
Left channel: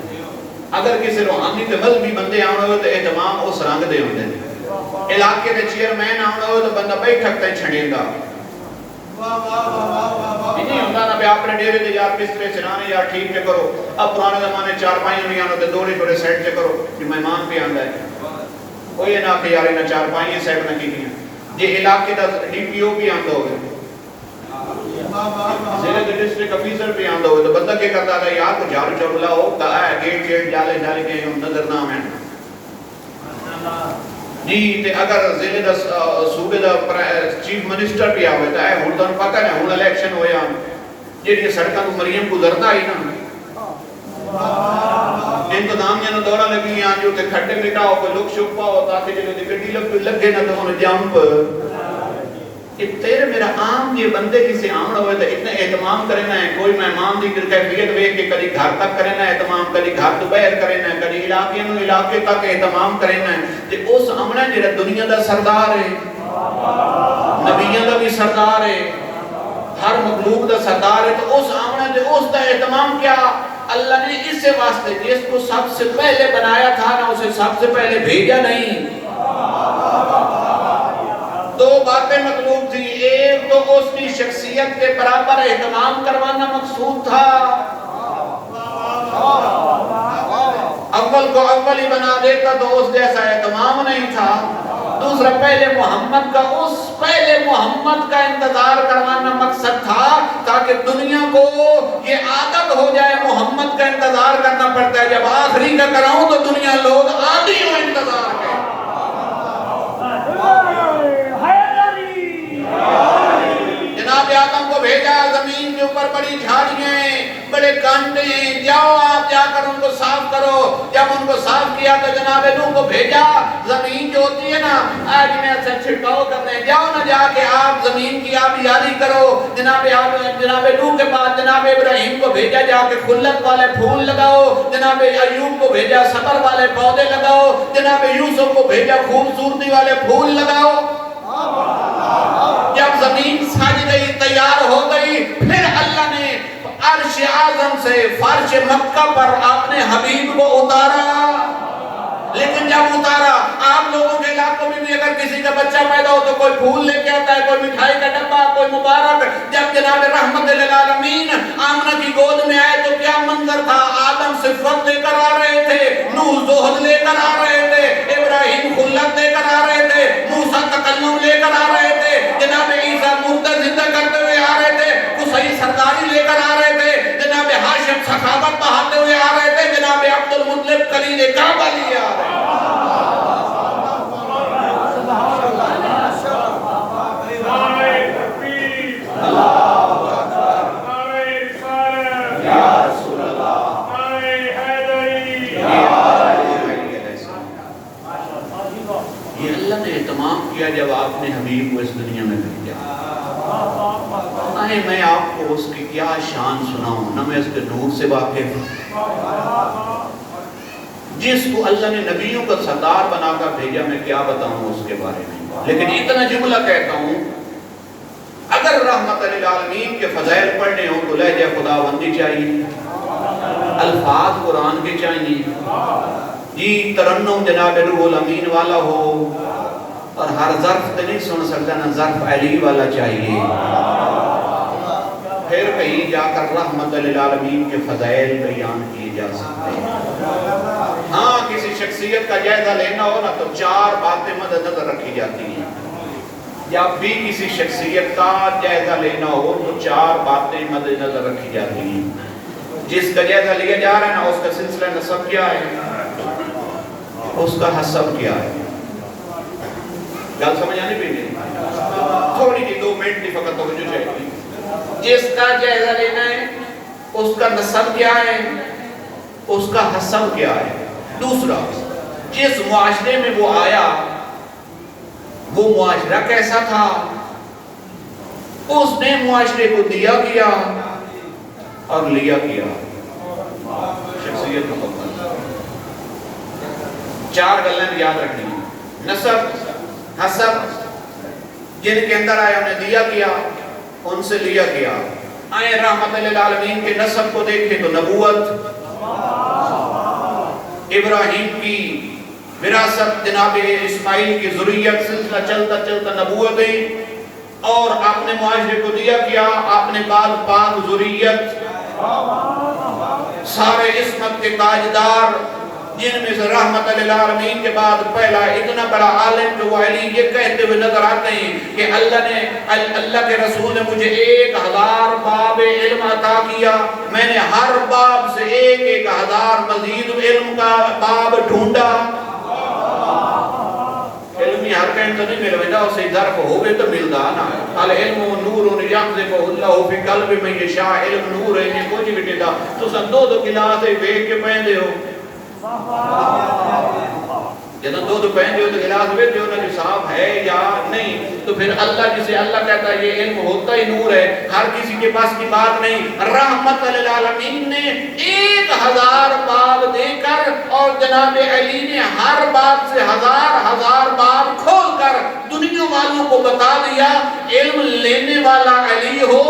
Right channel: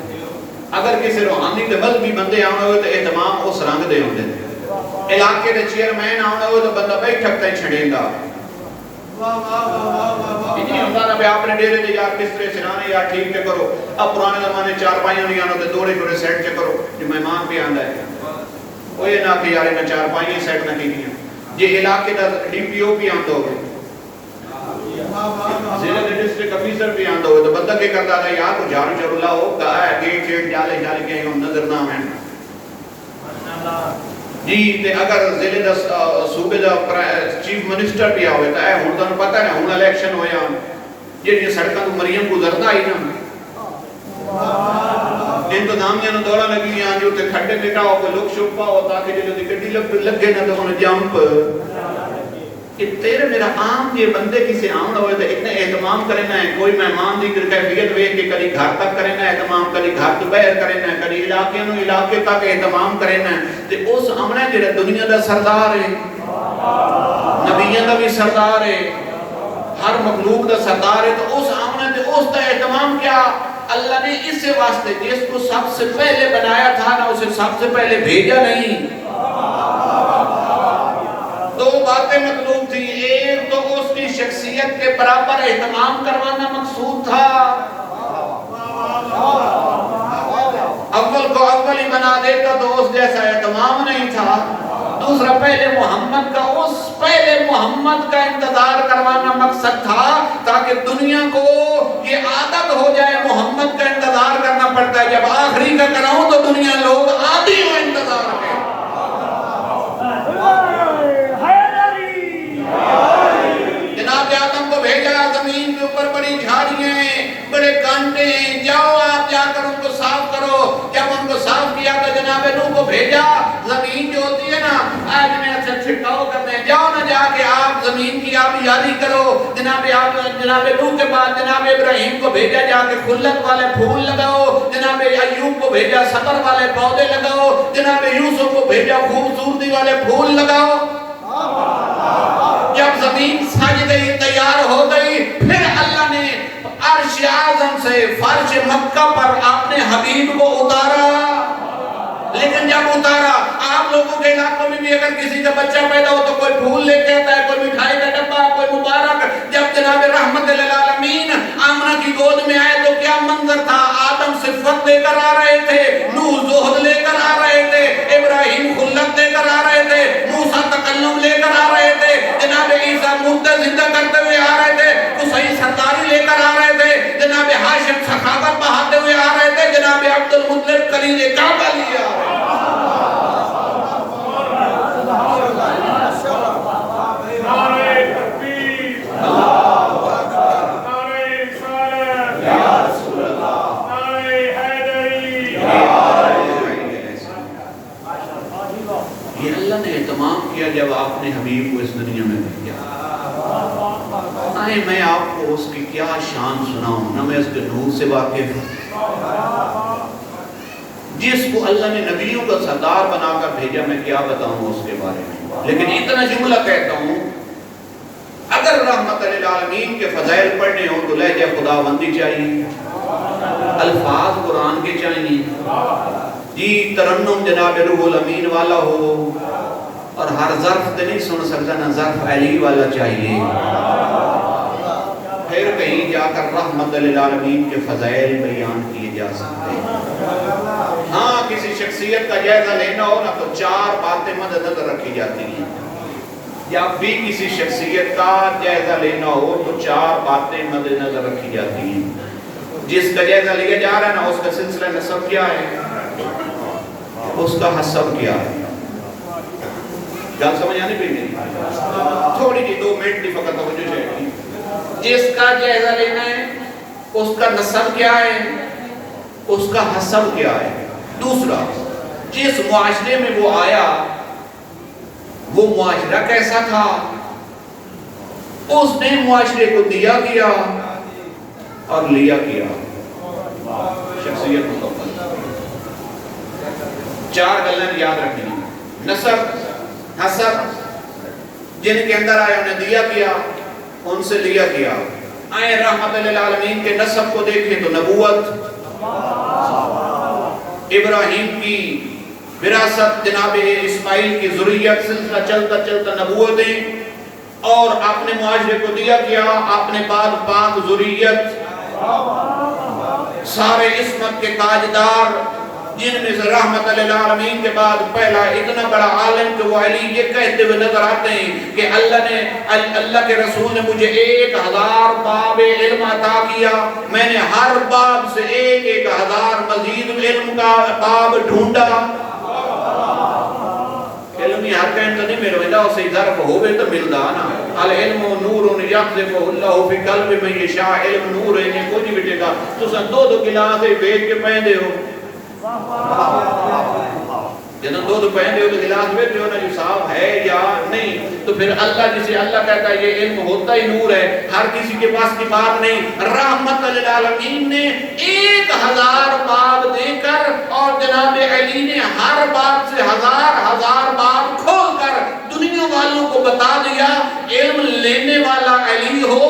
اگر کسی روحانی تے مذہبی بندے آنا ہوئے تو اہتمام اس رنگ دے ہوتے ہیں، علاقے دے چیئرمین آنا ہوئے تو بندہ بیٹھک تے چھڑیں گا نہیں ہوتا نا بے اپنے ڈیرے دے یار بسترے سرانے یا ٹھیک تے کرو، اب پرانے زمانے 4 پائیاں نہیں آنا تو دوڑے دوڑے سیٹ تے کرو جو مہمان پہ آندا ہے وہ یہ نہ کہ یار انہیں 4 پائیاں سیٹ نہ کی گیا جی علاقے دا ڈی پی او بھی آندہ ہوگئے ضلع دے ڈسٹرکٹ افیسر بھی آندہ ہوئے تو بندہ کیا کرتا تھا یار کو جھاڑو چرولہ ہو کہا ہے گیٹ چیٹ جالے جالے کے ہم نظر نام ہیں جی تے اگر ضلع دا صوبے دا چیف منسٹر بھی آوے تا ہے ہون تو پتہ ہے ہون الیکشن ہویا یہ سڑکاں مریم گزرتا ہی نا انتظام میں دورہ لگی ہیں جو تے کھڑے مٹاؤ کو لک شک پاؤ تاکہ جو گڈی لگے نہ تو انہیں جمپ کہ تیرے میرا عام یہ بندے کسی آمن ہوئے تو اتنے اہتمام کرنا ہے کوئی مہمان دی کیفیت ہوئے کہ کلی گھر تک کرنا ہے اہتمام کلی گھر تو باہر کرنا ہے کلی علاقے تک اہتمام کرنا ہے تے اس امنہ جڑا دنیا دا سردار ہے نبیان دا بھی سردار ہے ہر مخلوق دا سردار ہے تو اس امنہ تے اس دا اہتمام کیا اللہ نے اس سے واسطے جس کو سب سے پہلے بنایا تھا نا اسے سب سے پہلے بھیجا نہیں 2 باتیں مطلوب تھی ایک تو اس کی شخصیت کے برابر اہتمام کروانا مقصود تھا اول کو اول ہی بنا دیتا تو اس جیسا اہتمام نہیں تھا دوسرا پہلے محمد کا اس پہلے محمد کا انتظار کروانا مقصد تھا تاکہ دنیا کو یہ عادت ہو جائے محمد کا انتظار کرنا پڑتا ہے جب آخری کا کراؤں تو دنیا لوگ عادی ہو انتظار ہے جناب آدم کو بھیجا زمین کے اوپر بڑی جھاڑیاں بڑے کانٹے جاؤ آپ جا کر ان کو صاف کرو. جب ان کو صاف کیا تو جناب نوح کو بھیجا. زمین جو ہوتی ہے نا آج میں سے چھٹکاؤ کرتے ہیں, جاؤ نہ جا کے آپ زمین کی آبیاری کرو. جناب نوح کے بعد جناب ابراہیم کو بھیجا جا کے خلت والے پھول لگاؤ. جناب ایوب کو بھیجا صبر والے پودے لگاؤ. جناب یوسف کو بھیجا خوبصورتی والے پھول لگاؤ. جب زمین سج گئی تیار ہو گئی پھر اللہ نے عرش اعظم سے فرش مکہ پر اپنے حبیب کو اتارا. لیکن جب اتارا آپ لوگوں کے علاقوں میں بھی اگر کسی کا بچہ پیدا ہو تو کوئی پھول لے کے آتا ہے, کوئی مٹھائی کا ڈبہ, کوئی مبارک. جب جناب رحمت للعالمین آمنہ کی گود میں آئے تو کیا منظر تھا. آدم صفت لے کر آ رہے تھے, نوح زہد لے کر آ رہے تھے, ابراہیم خلت لے کر آ رہے تھے, موسیٰ تکلم لے کر آ رہے تھے, جناب عیسیٰ مردہ زندہ کرتے ہوئے آ رہے تھے, قصی سرداری لے کر آ رہے تھے, جناب ہاشم سخاوت بہاتے ہوئے آ رہے تھے, جناب عبد المطلب کلیل کعبہ لیے آ رہے تھے. جب آپ نے حبیب کو اس دنیا میں بھیجا, میں آپ کو اس کی کیا شان سناؤں, نہ میں اس کے نور سے واقف ہوں. جس کو اللہ نے نبیوں کا سردار بنا کر بھیجا میں کیا بتاؤں اس کے بارے میں. لیکن اتنا جملہ کہتا ہوں, اگر رحمت للعالمین کے فضائل پڑھنے ہوں تو لہجہ خداوندی چاہیے, الفاظ قرآن کے چاہیے, جی ترنم جناب روح الامین والا ہو, اور ہر ظرف تو نہیں سن سکتا, نہ ظرف علی والا چاہیے. پھر کہیں جا کر رحمت للعالمین کے فضائل بیان کیے جا سکتے ہیں. ہاں کسی شخصیت کا جائزہ لینا ہو نا تو 4 باتیں مد نظر رکھی جاتی ہیں. جب بھی کسی شخصیت کا جائزہ لینا ہو تو 4 باتیں مد نظر رکھی جاتی ہیں. جس کا جائزہ لیا جا رہا ہے نا اس کا سلسلہ نسب کیا ہے, اس کا حسب کیا ہے. گل سمجھ آنے بھی نہیں, تھوڑی جی 2 منٹ کی فقط توجہ چاہیے. جس کا جائزہ لینا ہے اس کا نسب کیا ہے, اس کا حسب کیا ہے. دوسرا, جس معاشرے میں وہ آیا وہ معاشرہ کیسا تھا, اس نے معاشرے کو دیا کیا اور لیا کیا. شخصیت مکمل. 4 گلیں یاد رکھیں, نسب, حسب, جن کے اندر آیا انہیں دیا کیا, ان سے لیا کیا. آئے رحمت للعالمین کے نسب کو دیکھیں تو نبوت, ابراہیم کی وراثت, جناب اسماعیل کی ذریت, سلسلہ چلتا چلتا نبوتیں, اور آپ نے معاشرے کو دیا کیا اپنے بعد پاک ذریت, سارے عصمت کے تاجدار, جن میں سے رحمت للعالمین کے بعد پہلا اتنا بڑا عالم کہ وہ علی یہ کہتے ہوئے نظر آتے ہیں کہ اللہ کے رسول نے مجھے 1000 باب علم عطا کیا, میں نے ہر باب سے 1000 مزید علم کا باب ڈھونڈا. علمی ہر کہیں تو نہیں مل رہا, اسے ظرف ہوئے تو ملتا نا. العلم نور یقذف اللہ فی قلب من یشاء, علم نور ہے نہیں کچھ بھی ٹھیکا. تو سن 2 گلاسے بیٹھ کے پہندے ہو, جنہوں 2 پہندے ہو تو گلاس بیٹھے ہو نا جو صاحب ہے یا نہیں. تو پھر اللہ جسے اللہ کہتا ہے یہ علم ہوتا ہی نور ہے, ہر کسی کے پاس کی بات نہیں. رحمت للعالمین نے 1000 باب دے کر اور جناب علی نے ہر باب سے 1000 باب کھول کر دنیا والوں کو بتا دیا. علم لینے والا علی ہو,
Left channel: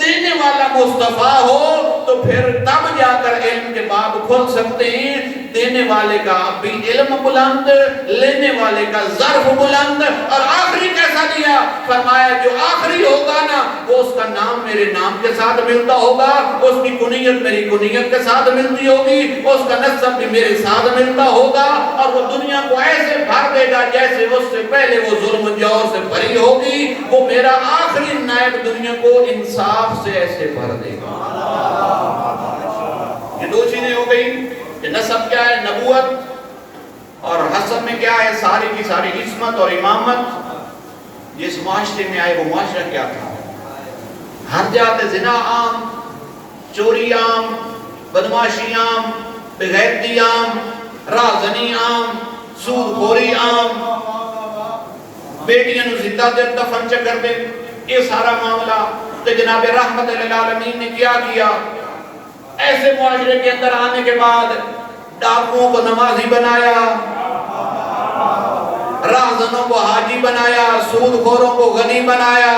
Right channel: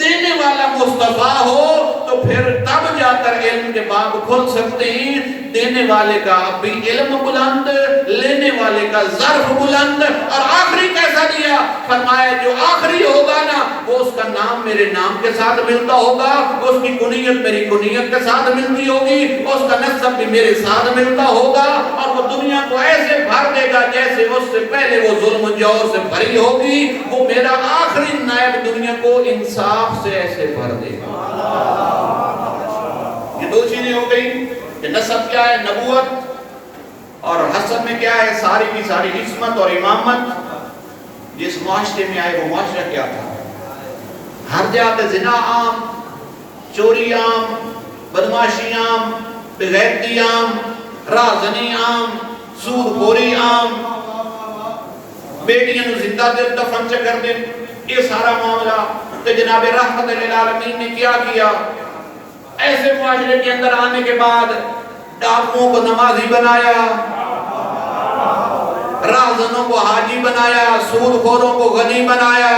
دینے والا مصطفیٰ ہو, تو پھر تب جا کر علم کے باب کھول سکتے ہیں. دینے والے کا بھی علم بلند, لینے والے کا ظرف بلند. اور آخری کیسا دیا, فرمایا جو آخری ہوگا نا وہ اس کا نام میرے نام کے ساتھ ملتا ہوگا, اس کی کنیت میری کنیت کے ساتھ ملتی ہوگی, اس کا نسب بھی میرے ساتھ ملتا ہوگا, اور وہ دنیا کو ایسے بھر دے گا جیسے اس سے پہلے وہ ظلم و جور سے بھری ہوگی. وہ میرا آخری نائب دنیا کو انصاف سے ایسے بھر دے گا. یہ 2 چیزیں ہو گئی کہ نسب کیا ہے, نبوت, اور حسب میں کیا ہے, ساری کی ساری عصمت اور امامت. جس معاشرے میں آئے وہ معاشرہ کیا تھا, ہر جگہ زنا عام, چوری عام, بدماشی عام, بغیرتی عام، رازنی عام، سود خوری عام، بیٹیاں نو زندہ دفن چ کر دے، یہ سارا معاملہ۔ تو جناب رحمت للعالمین نے کیا کیا؟ ایسے معاشرے کے اندر آنے کے بعد ڈاکوؤں کو نمازی بنایا، رازنوں کو حاجی بنایا، سود خوروں کو غنی بنایا۔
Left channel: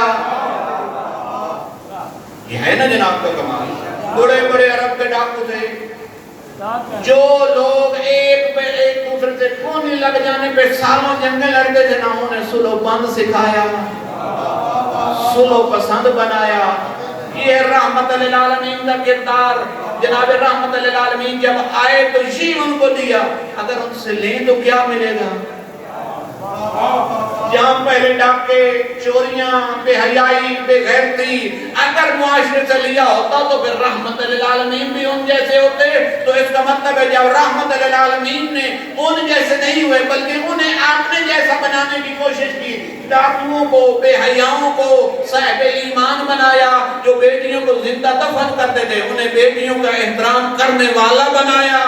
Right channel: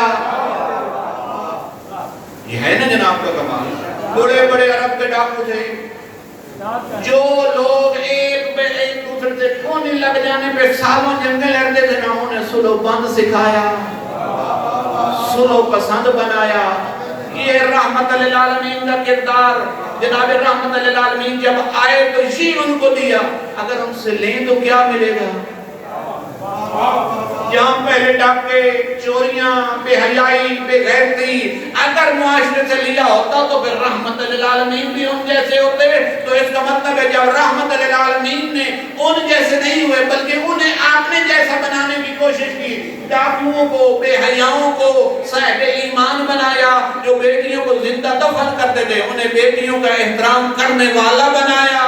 یہ ہے نا جناب کا کمال۔ بڑے بڑے عرب کے ڈاکو تھے، جو لوگ ایک دوسرے سے کونی لگ جانے پہ سالوں جنگیں لڑتے تھے، نہ انہیں سلو بند سکھایا، سلو پسند بنایا۔ یہ رحمت للعالمین کا کردار۔ جناب رحمت للعالمین جب آئے تو یہ ان کو دیا، اگر ان سے لیں تو کیا ملے گا؟ جہاں پہلے ڈاکے، چوریاں، بے حیائی، بے غیرتی اگر معاشرے سے لیا ہوتا تو پھر رحمت للعالمین بھی ان جیسے ہوتے۔ تو اس کا مطلب ہے جب رحمت للعالمین نے ان جیسے نہیں ہوئے بلکہ انہیں اپنے جیسا بنانے کی کوشش کی، ڈاکوؤں کو، بے حیاؤں کو صاحب ایمان بنایا، جو بیٹیوں کو زندہ دفن کرتے تھے انہیں بیٹیوں کا احترام کرنے والا بنایا۔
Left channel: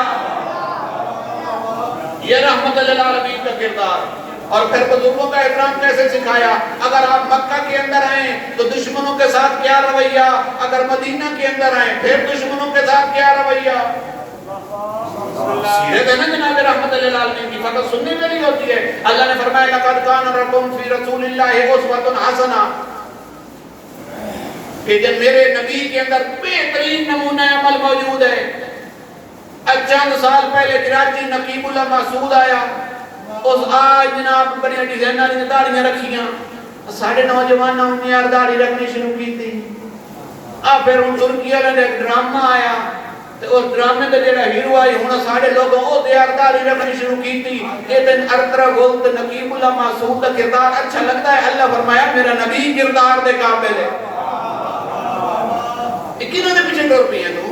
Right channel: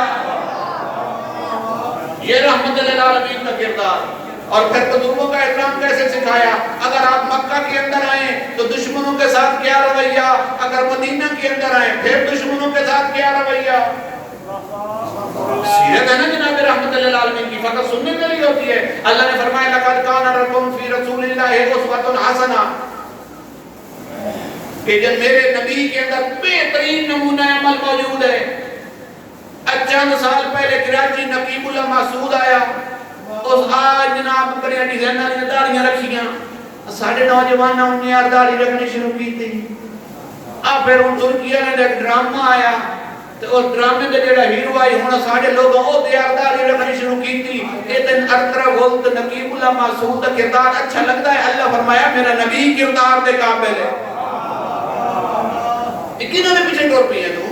یہ رحمت للعالمین کا کردار۔ اور پھر بزرگوں کا احترام کیسے سکھایا؟ اگر آپ مکہ کے اندر آئیں تو دشمنوں کے ساتھ کیا رویہ، اگر مدینہ کے اندر آئیں پھر دشمنوں کے ساتھ کیا رویہ۔ سیرت ہے نا جناب رحمت للعالمین کی، فقط سننے کے لیے ہوتی ہے۔ اللہ نے فرمایا لقد کان لکم فی رسول اللہ اسوۃ حسنہ، کہ جب میرے نبی کے اندر بہترین نمونہ عمل موجود ہے۔ چند سال پہلے کراچی نقیب اللہ مسعود آیا، اس آج جناب بڑی ڈیزائنر نے داڑیاں رکھیاں، ساڑھے نوجوانوں نے یار داڑھی رکھنی شروع کی تھی۔ اب پھر ان کی الگ ایک ڈرامہ آیا، تو اس ڈرامے کے جڑا ہیرو آئی ہونا ساڑھے لوگوں او دیار داڑھی رکھنی شروع کی تھی۔ ایک دن ارترا گولت نقیب اللہ مسعود کا کردار اچھا لگتا ہے، اللہ فرمایا میرا نبی کردار دے قابل ہے۔ کنہوں نے پیچھے ڈور پی ہے تو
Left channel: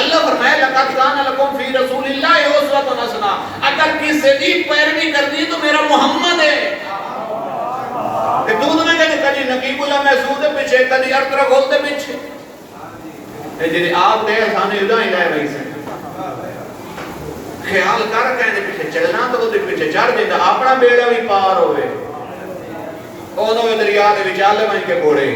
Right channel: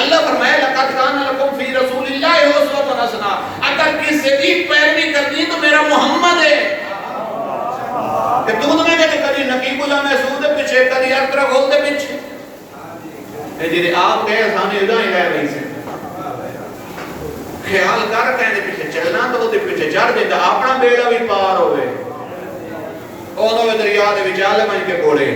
اللہ فرمایا لقد کان لکم فی رسول اللہ اسوۃ حسنہ، اگر کسی سے بھی پیروی کرنی ہے تو میرا محمد ہے۔ کہ دودھ میں کہتے کبھی نقیب اللہ مسعود کے پیچھے، کبھی ارترا گولت کے پیچھے، جی آپ گئے سانے ادھا ہی رہ گئی سے خیال کر کہنے پیچھے چلنا تو دے پیچھے چڑھ دیتا اپنا بیڑا بھی پار ہوئے، انہوں دریا دے وچالے میں کے کوڑے۔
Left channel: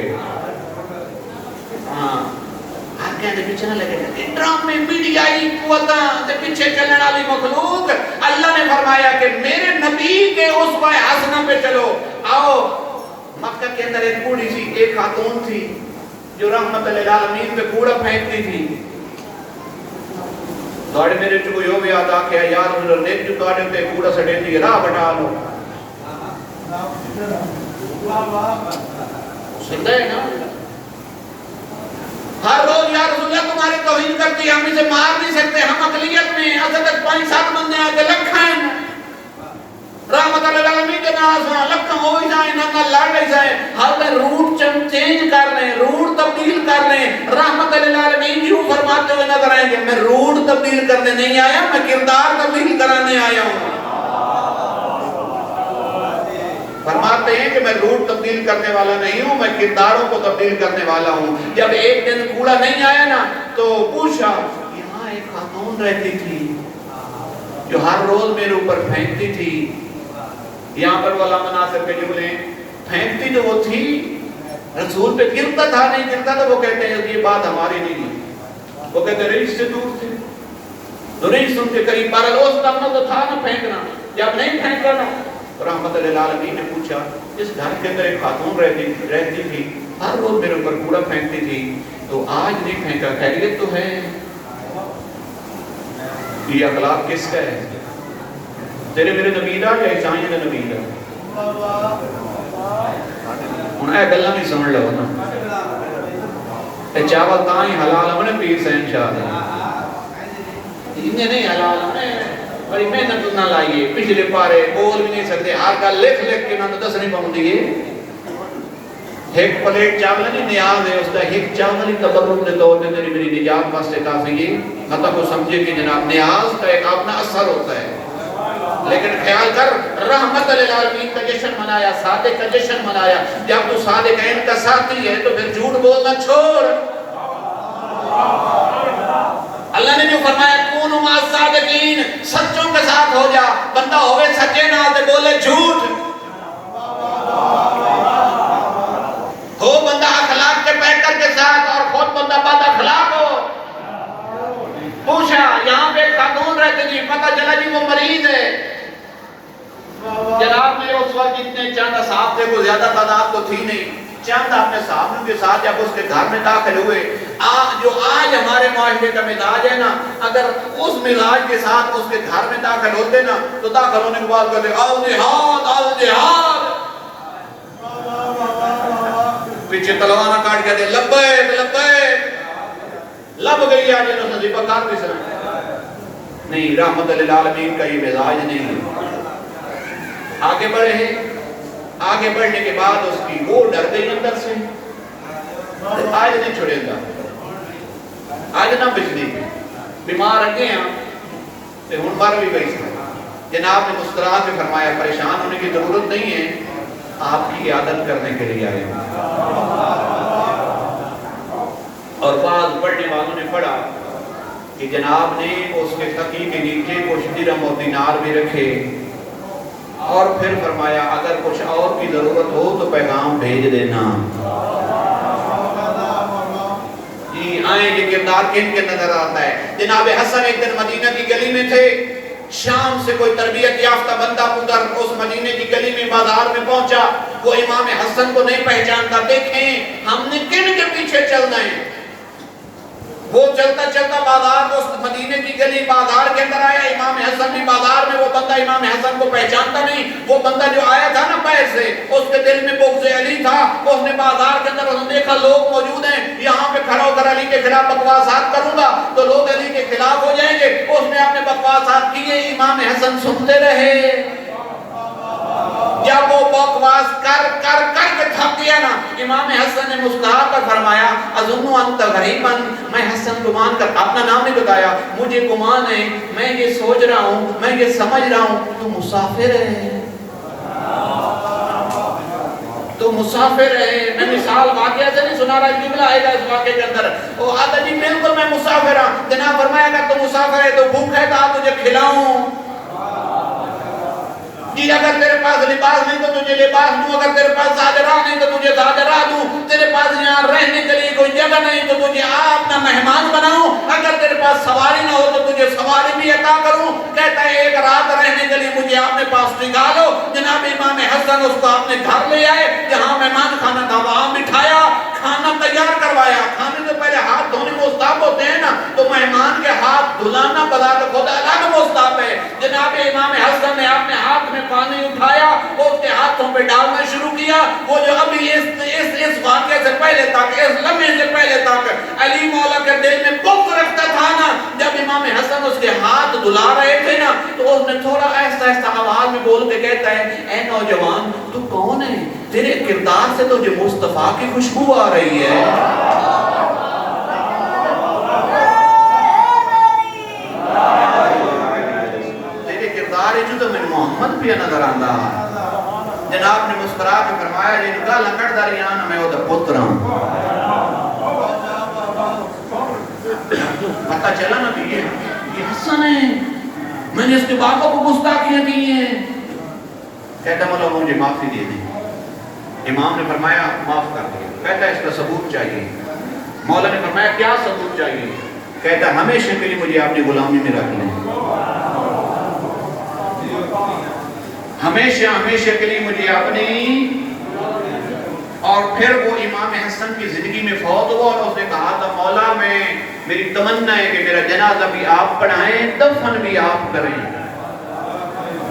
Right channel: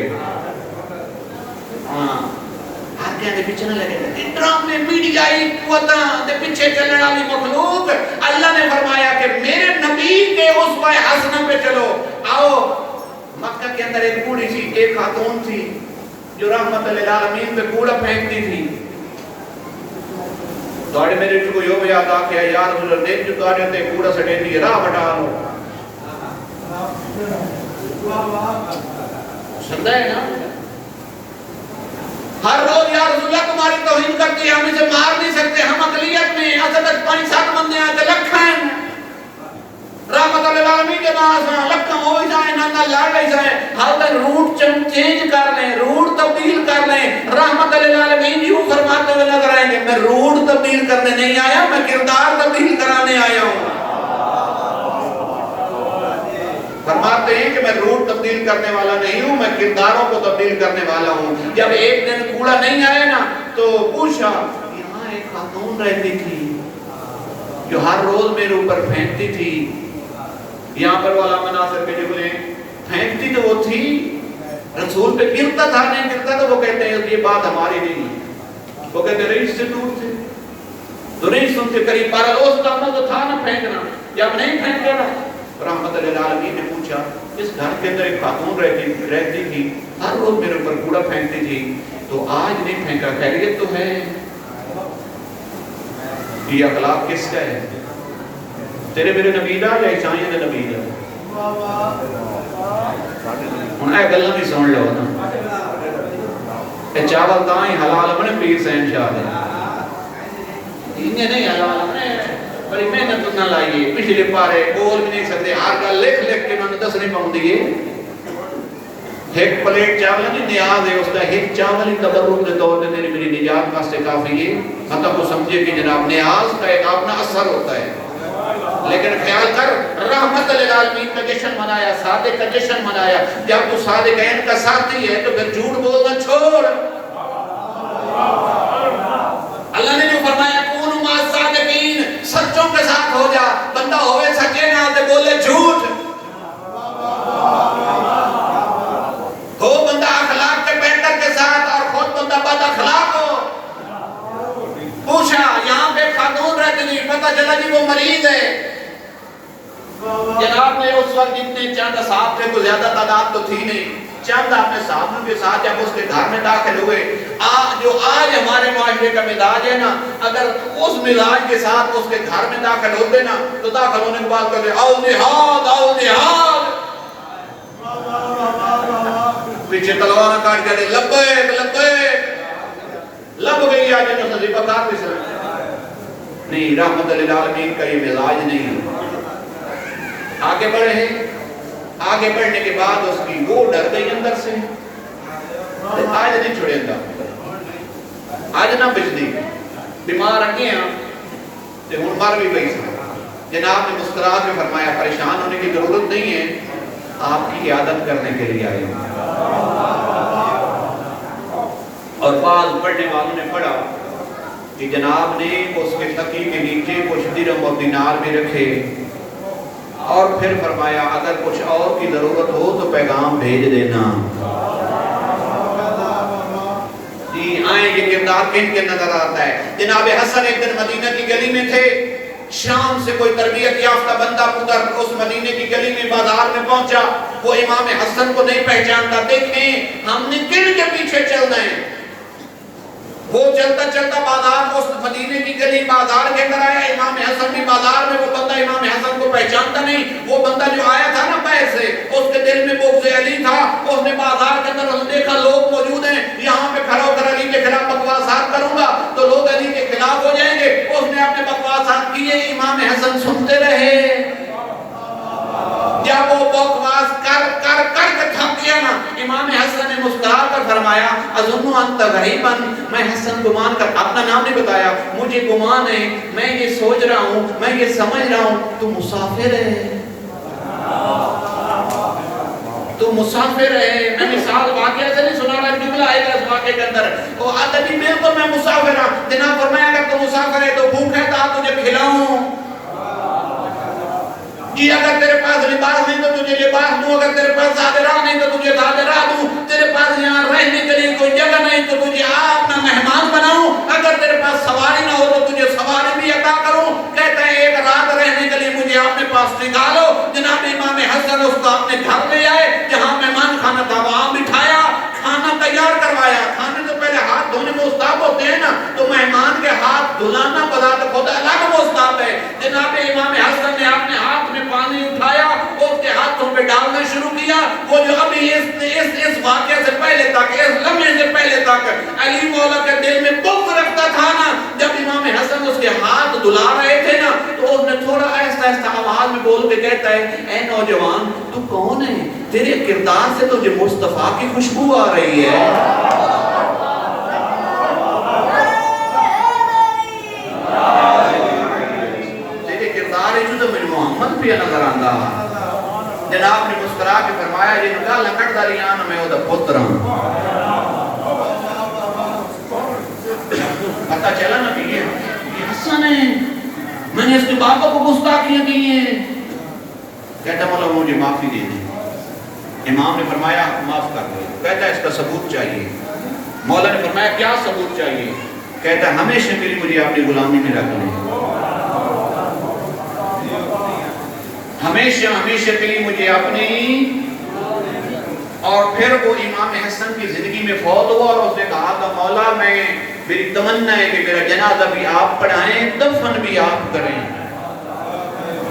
کہنے پیچھے نہ لگے گا ڈرامے میڈیا کی قوتاں دے پیچھے چلنے والی مخلوق۔ اللہ نے فرمایا کہ میرے نبی کے اسوہ حسنہ پہ چلو۔ آؤ، مکہ کے اندر ایک بوڑھی سی ایک خاتون تھی جو رحمت للعالمین پہ کوڑا پھینکتی تھی۔ توڑے میرے جو کوئی ہو بھی یاد آکے یا رسول اللہ دیکھ جو توڑے ہوتے کوڑا سٹین دی راہ بٹا لو۔ سندہ ہے نا؟ ہر روز یا رسول اللہ تمہاری توہین کرتی ہے، ہم اسے مار نہیں سکتے، ہم اقلیت میں حضرت 5-7 بندے آتے لکھائیں رحمت للعالمین کے ناظران لکھاں ہو جائیں نہ لڑ جائیں، ہر دن روٹ چینج کر لیں، روٹ تبدیل کر لیں۔ رحمت للعالمین یوں فرماتے ہوئے نظر آئیں گے میں روٹ تبدیل کرنے نہیں آیا، میں کردار تبدیل کرانے آیا ہوں۔ فرماتے ہیں کہ میں روٹ تبدیل کرنے والا نہیں ہوں، میں کرداروں کو تبدیل کرنے والا ہوں۔ جب ایک دن کوڑا نہیں آیا نا تو پوچھا یہاں ایک خاتون رہتی تھی جو ہر روز میرے اوپر پھینکتی تھی، یہاں پر والا مناظر پہ جو بولیں پھینکتی تو وہ تھی، رسول پہ گرتا تھا نہیں گرتا، تو وہ کہتے ہیں یہ بات ہماری نہیں، وہ کہتے ہیں رئیس سے دور تھے تو نہیں سنتے، قریب بارہ روز تک تو تھا نا پھینکنا، جب نہیں پھینکا نا رحمت للعالمین نے پوچھا اس گھر کے اندر ایک خاتون رہتی تھی، ہر روز میرے اوپر کوڑا پھینکتی تھی، تو آج نہیں پھینکا، خیریت تو ہے؟ یہ اخلاق کس کا ہے؟ تیرے میرے نبی دا یا عیسائیوں کے نبی دا؟ انہیں گلہ بھی سن لو نا کہ چاول تائیں حلال اپنے پیر سین شاہ دا انہیں نہیں حلال اپنے بڑی محنت نہ لائیے، پچھلے پارے بول بھی نہیں سکتے، ہر کا لکھ کے انہوں نے 10 نہیں پاؤں دیئے۔ ایک پلیٹ چاول نہیں نیاز ہے اس کا، ایک چاول ہی تبرک دے طور میں تیری میری نجات واسطے کافی ہے، مطلب کو سمجھے کہ جناب نیاز کا ایک اپنا اثر ہوتا ہے۔ لیکن خیال کر رحمت للعالمین کا جشن منایا، صادق کا جشن منایا، جب تو صادق عین کا ساتھی ہے تو پھر جھوٹ بولنا چھوڑ۔ اللہ نے جو فرمایا بندہ ہوئے سچے نال تے بولے جھوٹ، ہو بندہ اخلاق کے بہتر کے ساتھ اور خود بندہ بد اخلاق ہو۔ پوچھا یہاں پہ خاتون رہتے تھی، پتہ چلا جی وہ مریض ہے۔ جناب نے اس وقت اتنے چند اصحاب تھے، وہ زیادہ تعداد تو تھی نہیں، چند اپنے صحابوں کے ساتھ جب اس کے گھر میں داخل ہوئے، جو آج ہمارے معاشرے کا مزاج ہے نا، اگر اس مزاج کے ساتھ اس کے گھر میں داخل ہوتے نا تو داخل ہونے کے بعد کہتے آؤ نہاد آؤ نہاد، پیچھے تلوار کاٹ کے دے لبیک لبیک، لب گئی آج انہوں سے ذبح کار بھی سمجھ نہیں، رحمت للعالمین کا یہ مزاج نہیں۔ آگے بڑھے ہیں، آگے بڑھنے کے بعد اس کی وہ ڈر گئی اندر سے، آج نہیں چھوڑے گا، آج نہ بجلی بیمار رکھے ہیں تو ہن مر بھی گئی تھی۔ جناب نے مسکرا کے فرمایا پریشان ہونے کی ضرورت نہیں ہے، آپ کی عیادت کرنے کے لیے آئے ہیں۔ اور بعض پڑھنے والوں نے پڑھا کہ جناب نے اس کے تکی کے نیچے کچھ درہم اور دینار بھی رکھے اور پھر فرمایا اگر کچھ اور کی ضرورت ہو تو پیغام بھیج دینا۔ جی آئیں یہ کردار کن کے نظر آتا ہے؟ جناب حسن ایک دن مدینہ کی گلی میں تھے، شام سے کوئی تربیت یافتہ بندہ پودر اس مدینہ کی گلی میں بازار میں پہنچا، وہ امام حسن کو نہیں پہچانتا۔ دیکھیں ہم نے کن کے پیچھے چلنا ہے؟ وہ چلتا چلتا بازار میں اس مدینے کی گلی بازار کے اندر آیا، امام حسن بھی بازار میں، وہ بندہ امام حسن کو پہچانتا نہیں، وہ بندہ جو آیا تھا نا باہر سے، اس کے دل میں بغض علی تھا، اس نے بازار کے اندر اس نے دیکھا لوگ موجود ہیں، یہاں پہ کھڑا ہو کر علی کے خلاف بکواسات کروں گا تو لوگ علی کے خلاف ہو جائیں گے، اس نے اپنے بکواسات کیے، امام حسن سنتے رہے۔ جب وہ بکواس کر کر کر کے تھک گیا نا، امام حسن نے مسکرا کر فرمایا اظن انت غریبا، میں حسن گمان کر، اپنا نام نہیں بتایا، مجھے گمان ہے، میں یہ سوچ رہا ہوں، میں یہ سمجھ رہا ہوں تو مسافر ہے، تو مسافر ہے۔ میں مثال واقعہ سے نہیں سنا رہا، جملہ آئے گا اس واقعے کے اندر، وہ آتا نہیں بالکل میں مسافر ہوں۔ جناب فرمایا اگر تو مسافر ہے تو بھوک ہے تو آپ تجھے کھلاؤں، جی اگر تیرے پاس لباس نہیں تو تجھے لباس دوں، اگر تیرے پاس زاجرہ نہیں تو تجھے زاجرہ دوں، تیرے پاس یہاں رہنے کے لیے کوئی جگہ نہیں تو تجھے اپنا مہمان بناؤں، اگر تیرے پاس سواری نہ ہو تو تجھے سواری بھی عطا کروں۔ کہتا ہے ایک رات رہنے کے لیے مجھے اپنے پاس نکالو۔ جناب امام حسن اس کو اپنے گھر لے آئے، جہاں مہمان خانہ تھا وہاں بٹھایا، کھانا تیار کروایا۔ کھانے سے پہلے ہاتھ دھونے مستحب ہوتے ہیں نا، تو مہمان کے ہاتھ دھلانا بذات خود الگ مستحب ہے۔ جناب امام حسن نے اپنے ہاتھ میں پانی اٹھایا، اس کے ہاتھوں پہ ڈالنا شروع کیا۔ وہ جو ابھی اس واقعے سے پہلے تک، اس لمحے سے پہلے تک علی مولا کے دل میں بغض رکھتا تھا نا، جب امام حسن اس کے ہاتھ دھلا رہے تھے نا تو اس نے تھوڑا آہستہ آہستہ آواز میں بول کے کہتا ہے اے نوجوان تو کون ہے؟ تیرے کردار سے تجھے مصطفیٰ کی خوشبو آ رہی ہے۔ تیرے کردار ہے جو تو میں محمد پہ نظر آندہ۔ جناب نے مسکرا کے فرمایا یہ نگاہ لنگڑ داریانا میں وہ دا پتر ہوں۔ پتہ چلا نا بھی یہ حسن ہے، میں نے اس کے باپا کو گستاخیاں کی ہیں۔ کہتا مولا مجھے معافی دے دیں۔ امام نے فرمایا معاف کر دیں۔ کہتا ہے اس کا ثبوت چاہیے۔ مولا نے فرمایا کیا ثبوت چاہیے؟ کہتا ہے ہمیشہ کے لیے مجھے اپنی غلامی میں رکھنا ہے، ہمیشہ کے لیے مجھے اپنی۔ اور پھر وہ امام حسن کی زندگی میں فوت ہوا اور اس نے کہا تھا مولا میں میری تمنا ہے کہ میرا جنازہ بھی آپ پڑھائیں، دفن بھی آپ کریں۔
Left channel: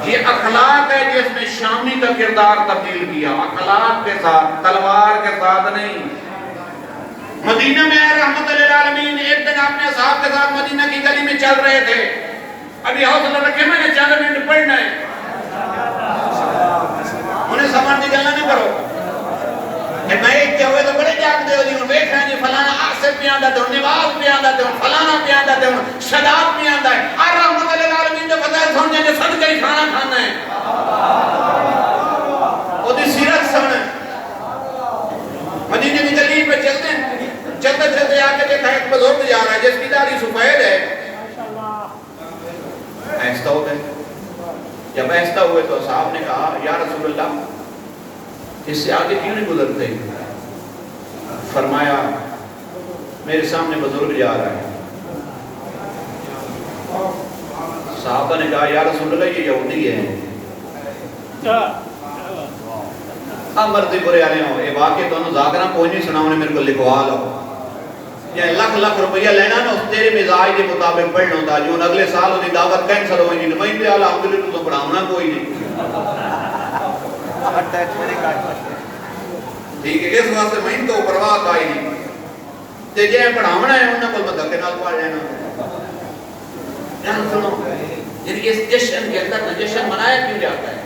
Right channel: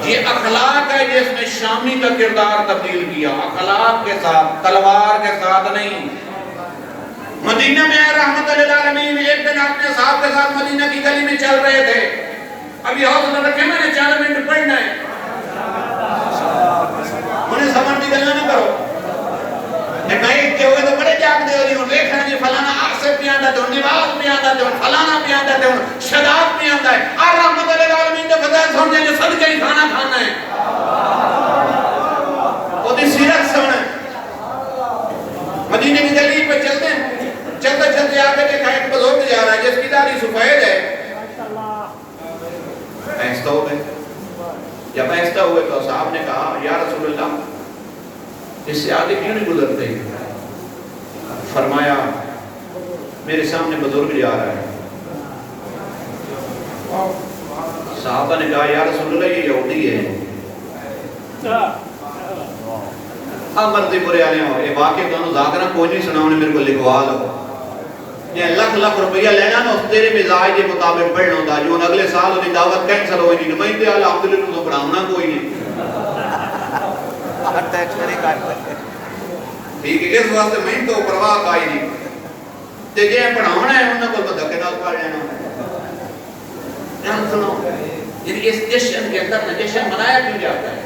یہ اخلاق ہے جس میں شامی کا کردار تبدیل کیا، اخلاق کے ساتھ، تلوار کے ساتھ نہیں۔ مدینہ میں رحمت للعالمین ایک دن اپنے صاحب کے ساتھ مدینہ کی گلی میں چل رہے تھے، ابھی حوصلہ رکھے میں نے 4 منٹ پڑھنا ہے، انہیں سمجھتی گلنا نہ کرو۔ ایک بھائی کے ہوئے تو بڑے جاگ دے ہوئی ہوں، دیکھ رہے ہیں جی فلانا آصف بھی آندہ دے ہوں، نواز بھی آندہ دے ہوں، فلانا بھی آندہ دے ہوں، شداب بھی آندہ ہے، اور رحمت للعالمین جو خدای سننے جو صدقہ ہی کھانا کھانا ہے، وہ دی سیرت سننے۔ مدینہ کی گلی پہ چلتے ہیں، چلتے چلتے آگے دیکھا ایک بزرگ جا رہا ہے جس کی داڑھی سفید ہے، ایسا ہو گئے جب ایسا ہوئے تو صاحب نے کہا یا رسول اللہ اس سے آگے کیوں نہیں گزرتے؟ فرمایا میرے سامنے بزرگ جا رہا ہے۔ صحابہ نے کہا یا رسول اللہ یہ یہودی ہے۔ مرضی برے آنے ہو یہ واقعی تو ذاکرہ کوئی نہیں سنا انہیں میرے کو لکھوا لو، یہ لکھ روپیہ لینا نا اس تیرے مزاج کے مطابق پڑھنا ہوتا جو اگلے سال انہیں دعوت کینسل ہوئی نہیں نمائندے الحمدللہ تو پڑھاؤنا کوئی نہیں ٹھیک ہے۔ اس واسطے میں تو پرواہ کا ہی نہیں تے جے پڑھاونا ہے انہاں کو دھکے نال پڑھ لینا۔ جان سنو یعنی اس جشن کے اندر نہ جشن منایا کیوں جاتا ہے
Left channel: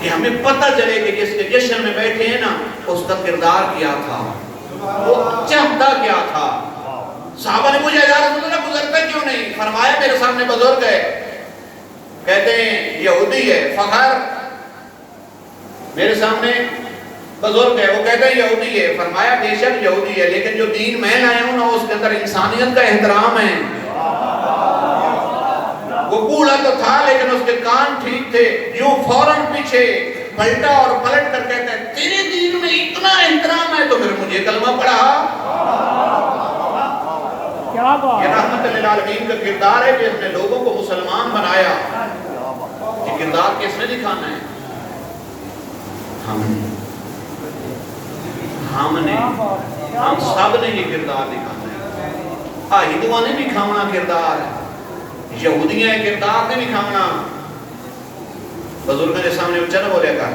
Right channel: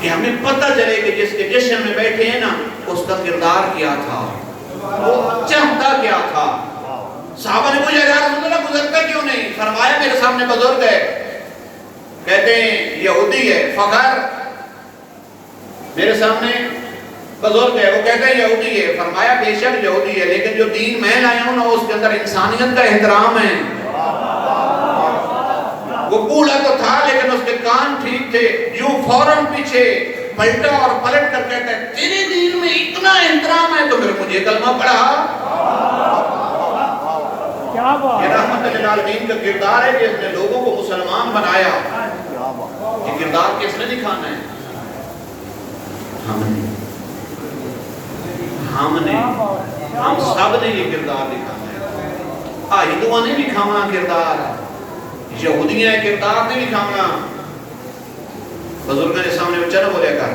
کہ ہمیں پتہ چلے کہ جس کے جشن میں بیٹھے ہیں نا اس کا کردار کیا تھا، وہ چاہتا کیا تھا۔ صحابہ نے پوچھا یا رسول اللہ گزرتا کیوں نہیں؟ فرمایا میرے سامنے بزرگ ہے، کہتے ہیں یہودی ہے، فخر میرے سامنے بزرگ ہے وہ کہتے ہیں یہودی ہے۔ فرمایا بے شک یہودی ہے لیکن جو دین میں لائے ہوں نا اس کے اندر انسانیت کا احترام ہے۔ وہ بوڑھا تو تھا لیکن اس کے کان ٹھیک تھے، یوں فوراً پیچھے پلٹا اور پلٹ کر کہتا ہے تیرے دین میں اتنا احترام ہے تو پھر مجھے کلمہ پڑھا۔ کیا بات یہ رحمت للعالمین کا کردار ہے جس نے لوگوں کو مسلمان بنایا۔ یہ کردار کس نے دکھانا ہے؟ ہم نے ہم سب نے یہ کردار دکھانا ہے۔ ہندوؤں نے بھی کھانا کردار، یہودیاں کردار نے بھی کھانا۔ بزرگوں کے سامنے اچھا نہ بولے کر،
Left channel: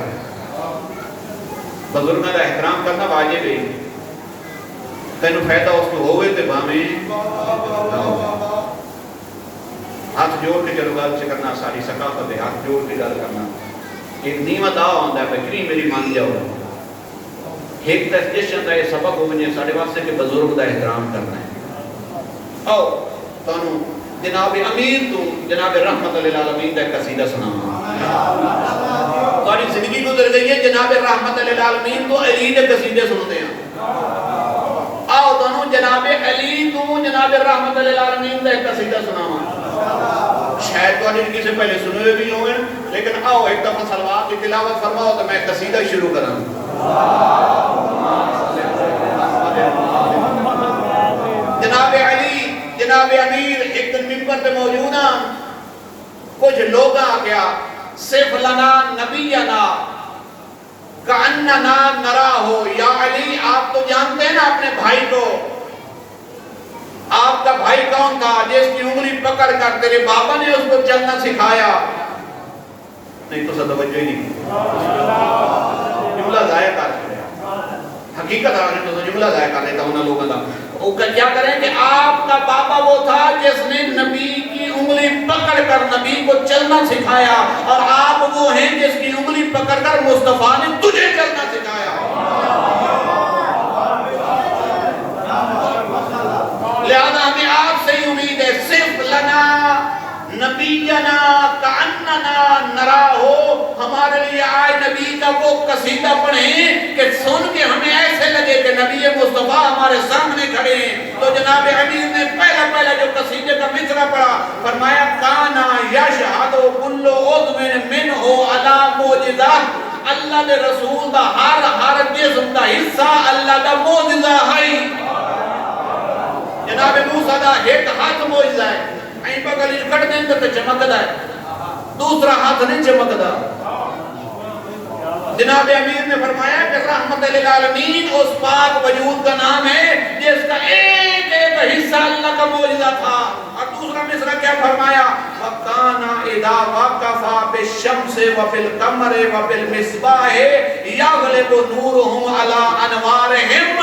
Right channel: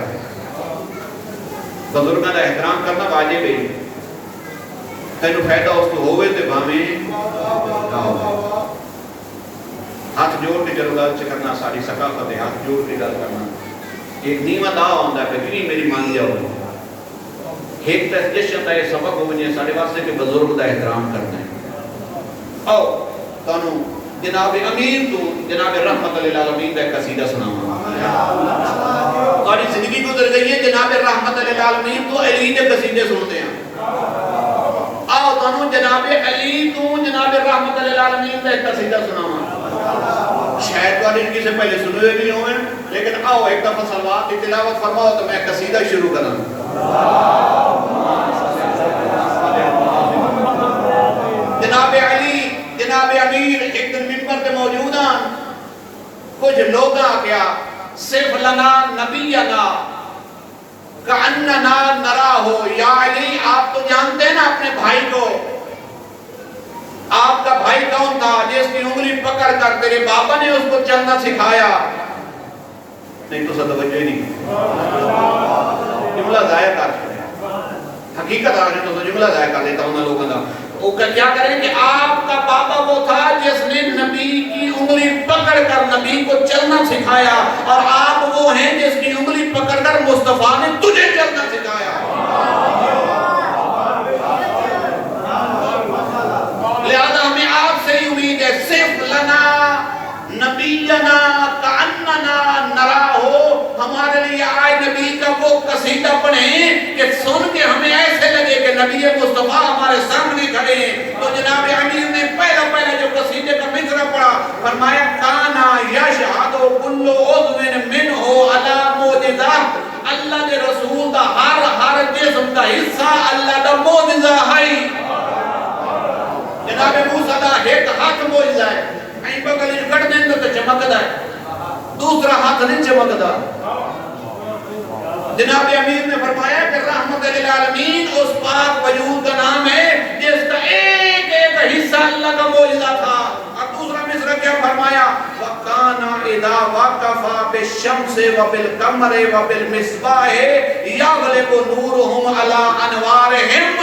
بزرگوں کا احترام کرنا واجب ہے۔ تینو فائدہ اس کو ہوئے تے بھامیں ہاتھ جوڑ کے چلو گل سے کرنا ساری ثقافت ہے، ہاتھ جوڑ کے گل کرنا ایک نیمہ دا ہوندہ ہے کہ میری مان جاؤ۔ ایک جشن کا یہ سبق ہو گئے ساڑھے واسطے کہ بزرگ کا احترام کرنا ہے۔ آؤ تانو جناب امیر تو جناب رحمت للعالمین کا قصیدہ سناؤں۔ ساری زندگی گزر گئی ہے جناب رحمت للعالمین تو علی کے قصیدے سنتے ہیں۔ آؤ تانو جناب علی تو جناب رحمت للعالمین کا قصیدہ سناؤں۔ شاید تو آنے سے پہلے سنے ہوئے بھی ہوں گے لیکن آؤ ایک دفعہ صلوات کی تلاوت فرماؤ تو میں قصیدہ شروع کروں۔ جناب علی جناب امیر ایک دن منبر پہ موجود ہیں، کچھ لوگ کیا صرف لنا نبینا کأننا نرا ہو۔ یا علی آپ تو جانتے ہیں نا اپنے بھائی کو، آپ کا بھائی کون تھا جس کی انگلی پکڑ کر تیرے بابا نے اس کو چلنا سکھایا؟ نہیں تو توجہ ہی نہیں، جملہ ضائع کر حقیقت آنے تو جملہ ضائع کر لیتا ہوں لوگوں کا۔ وہ کیا کریں کہ آپ کا بابا وہ تھا جس نے نبی کی انگلی پکڑ کر نبی کو چلنا سکھایا اور آپ وہ ہیں جس کی انگلی پکڑ کر مصطفیٰ نے تجھے چلنا سکھایا۔ لہذا ہمیں آپ سے ہی امید ہے صرف لنا نبینا کأننا نرا ہو، ہمارے لیے آئے نبی کا وہ قصیدہ پڑھیں کہ سن کے ہمیں ایسے لگے کہ نبی مصطفیٰ ہمارے سامنے کھڑے ہیں۔ تو جناب امیر نے پہلا جو قصیدے کا مصرع پڑھا فرمایا کانا یشہد کل عضو منہ علی معجزہ، اللہ دے رسول دا ہر جسم دا حصہ اللہ دا معجزہ ہے۔ جناب موسیٰ دا ایک ہاتھ معجزہ ہے، این بغلی کٹ دیں تو چمکدا ہے، دوسرا ہاتھ نہیں چمکدا۔ جناب امیر نے فرمایا کہ رحمت للعالمین اس پاک وجود کا نام ہے جس کا ایک ایک حصہ اللہ کا معجزہ تھا۔ اور دوسرا مصرع کیا فرمایا وَقَانَ اِذَا وَقَفَ بِالشَّمْسِ وَبِالْقَمَرِ وَبِالْمِصْبَاحِ يَغْلِبُ نُورُهُمْ عَلَىٰ أَنْوَارِهِمْ۔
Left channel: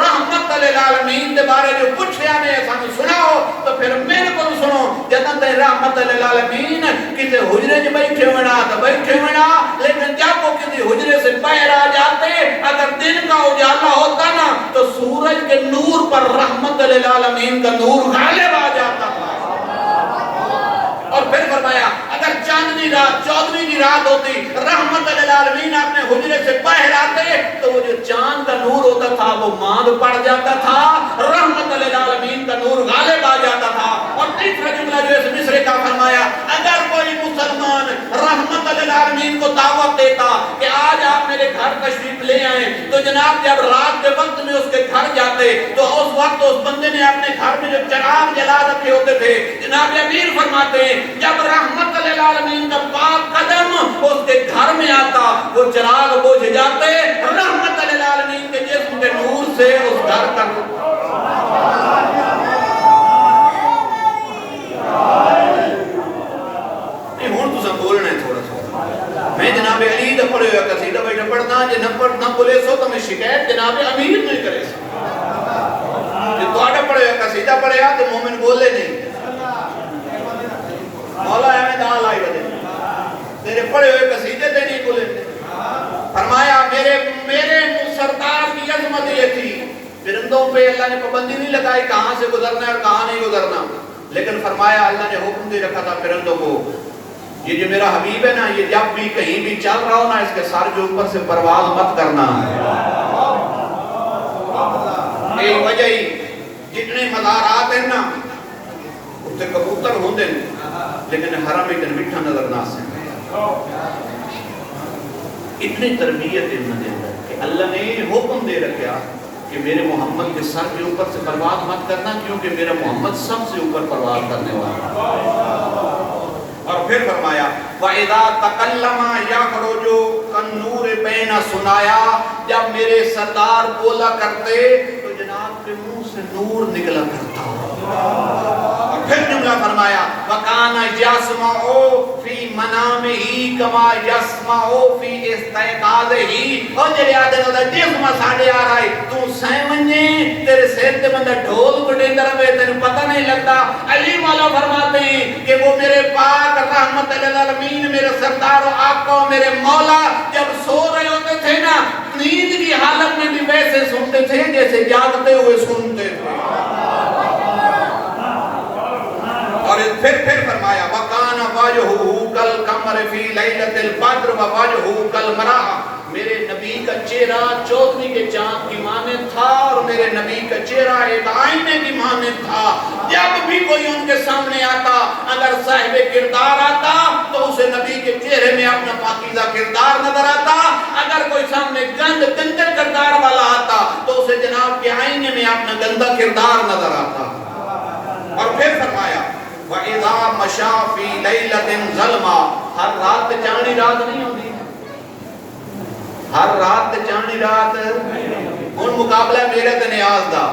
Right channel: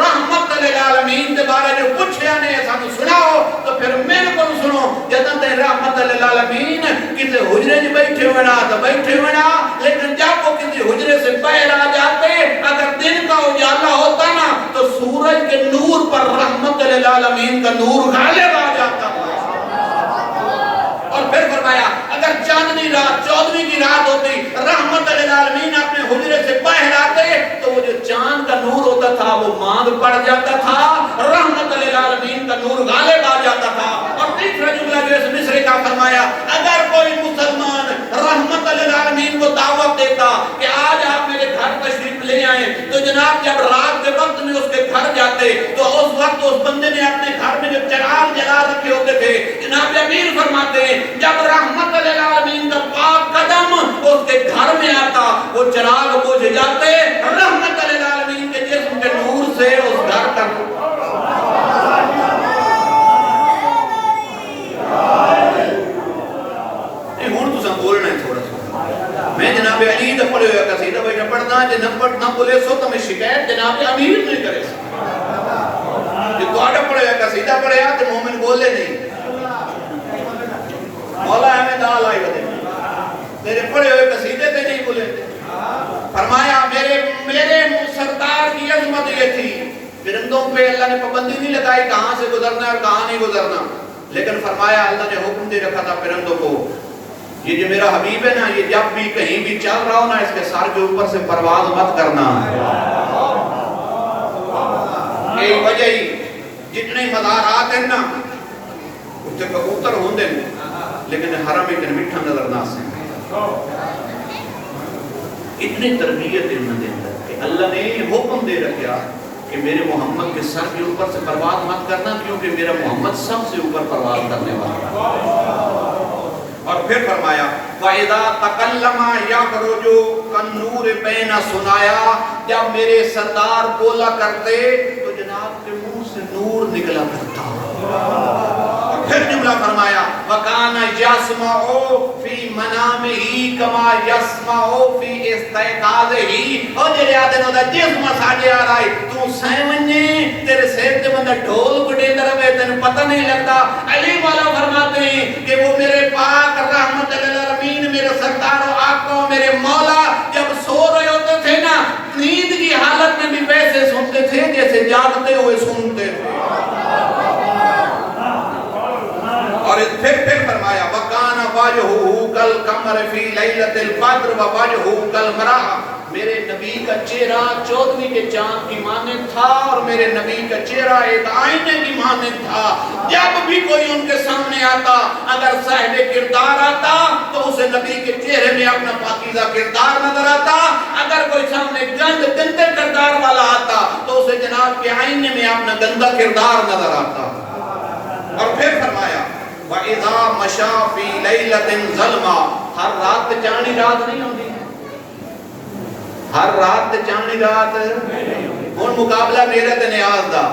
رحمت للعالمین دے بارے جو کچھ نے سانو سناؤ تو پھر میرے کو سنو۔ جداں تے رحمت للعالمین کسی حجرے میں بیٹھے ہونا تو بیٹھے ہونا، لیکن جب وہ کسی حجرے سے باہر آ جاتے اگر دن کا اجالا ہوتا نا تو سورج کے نور پر رحمت للعالمین کا نور غالب آ جاتا تھا۔ اور پھر فرمایا اگر چاندنی رات 14ویں کی رات ہوتی رحمت للعالمین اپنے حجرے سے باہر آتے تو وہ جو چاند کا نور ہوتا تھا وہ ماند پڑ جاتا تھا، رحمت للعالمین کا نور غالب آ جاتا تھا۔ اور تیسرا جملہ جو اس مصرع کا فرمایا اگر کوئی مسلمان آئے تو جناب جب رات کے وقت میں اس کے گھر جاتے تو اس وقت اس بندے نے اپنے گھر میں جو چراغ جلا رکھے ہوتے تھے، جناب امیر فرماتے ہیں جب رحمت للعالمین کا پاک قدم اس کے گھر میں آتا وہ چراغ بجھ جاتے، رحمت للعالمین کے جسم کے نور سے اس گھر تک ہوں تو بولنا ہے تھوڑا سا. میں جناب علی دا پڑھے ہوئے قصیدہ بیٹھا پڑھنا جے نہ بولے سو تو میں شکایت جناب امیر نہیں کرے سکتا. جو تواڈا پڑھے ہوئے قصیدہ پڑھیا تے مومن بولے نہیں. مولا ہمیں دال آئی بدے تیرے پڑھے ہوئے قصیدے تے نہیں بولے. فرمایا میرے سردار کی عظمت یہ تھی پرندوں پہ اللہ نے پابندی نہیں لگائی کہاں سے گزرنا اور کہاں نہیں گزرنا، لیکن فرمایا اللہ نے حکم دے رکھا تھا پرندوں کو یہ جو میرا حبیب ہے نا یہ جب بھی کہیں بھی چل رہا ہو نا اس کے سر کے اوپر سے پرواز مت کرنا. یہ وجہ ہی جتنے مزارات ہیں نا اس سے کبوتر ہوندے لیکن حرم اتنے میٹھا نظر نہ آسے. اتنی تربیت ان دے کہ اللہ نے حکم دے رکھا کہ میرے محمد کے سر کے اوپر سے پرواز مت کرنا کیونکہ میرا محمد سب سے اوپر پرواز کرنے والا. اور پھر فرمایا وَإِذَا تَقَلَّمَا يَخْرُجُ كَالنُّورِ بَيْنَ سُنَايَا جب میرے سردار بولا کرتے تو جناب کے منہ سے نور نکلا کرتا. پھر جملہ فرمایا وَكَانَ يَسْمَعُ فِي مَنَامِهِ كَمَا يَسْمَعُ فِي إِسْتَيْقَاظِهِ. اور جڑے آدھے ہوتا جسم ساڑھے آ رہا ہے تو سیمنجے تیرے سیر تے بندہ ڈھول کٹے طرف ہے تیرے پتہ نہیں لگتا. علی مولا فرماتے ہیں کہ وہ میرے پاک رحمت للعالمین میرے سردار و آقا و میرے مولا جب سو رہے ہوتے تھے نا نیند کی حالت میں بھی ویسے سنتے تھے جیسے جاگتے ہوئے سنتے تھے. اور پھر فرمایا وَقَانَ وَجْهُهُ كَالْقَمَرِ فِي لَيْلَةِ الْبَدْرِ وَوَجْهُهُ كَالْمَرَاءِ. میرے نبی کا چہرہ چودھویں کے چاند کی مانند تھا اور میرے نبی کا چہرہ ایک آئینے کی مانند تھا. جب بھی کوئی ان کے سامنے آتا اگر صاحب کردار آتا تو اسے نبی کے چہرے میں اپنا پاکیزہ کردار نظر آتا. اگر کوئی سامنے گندے کردار والا آتا تو اسے جناب کے آئینے میں اپنا گندا کردار نظر آتا. اور پھر فرمایا وَإِذَا مَشَى فِي لَيْلَةٍ ظَلْمًا. ہر رات چاندنی رات نہیں ہوتی، ہر رات چاندنی رات ہن مقابلہ میرے تے نیاز دا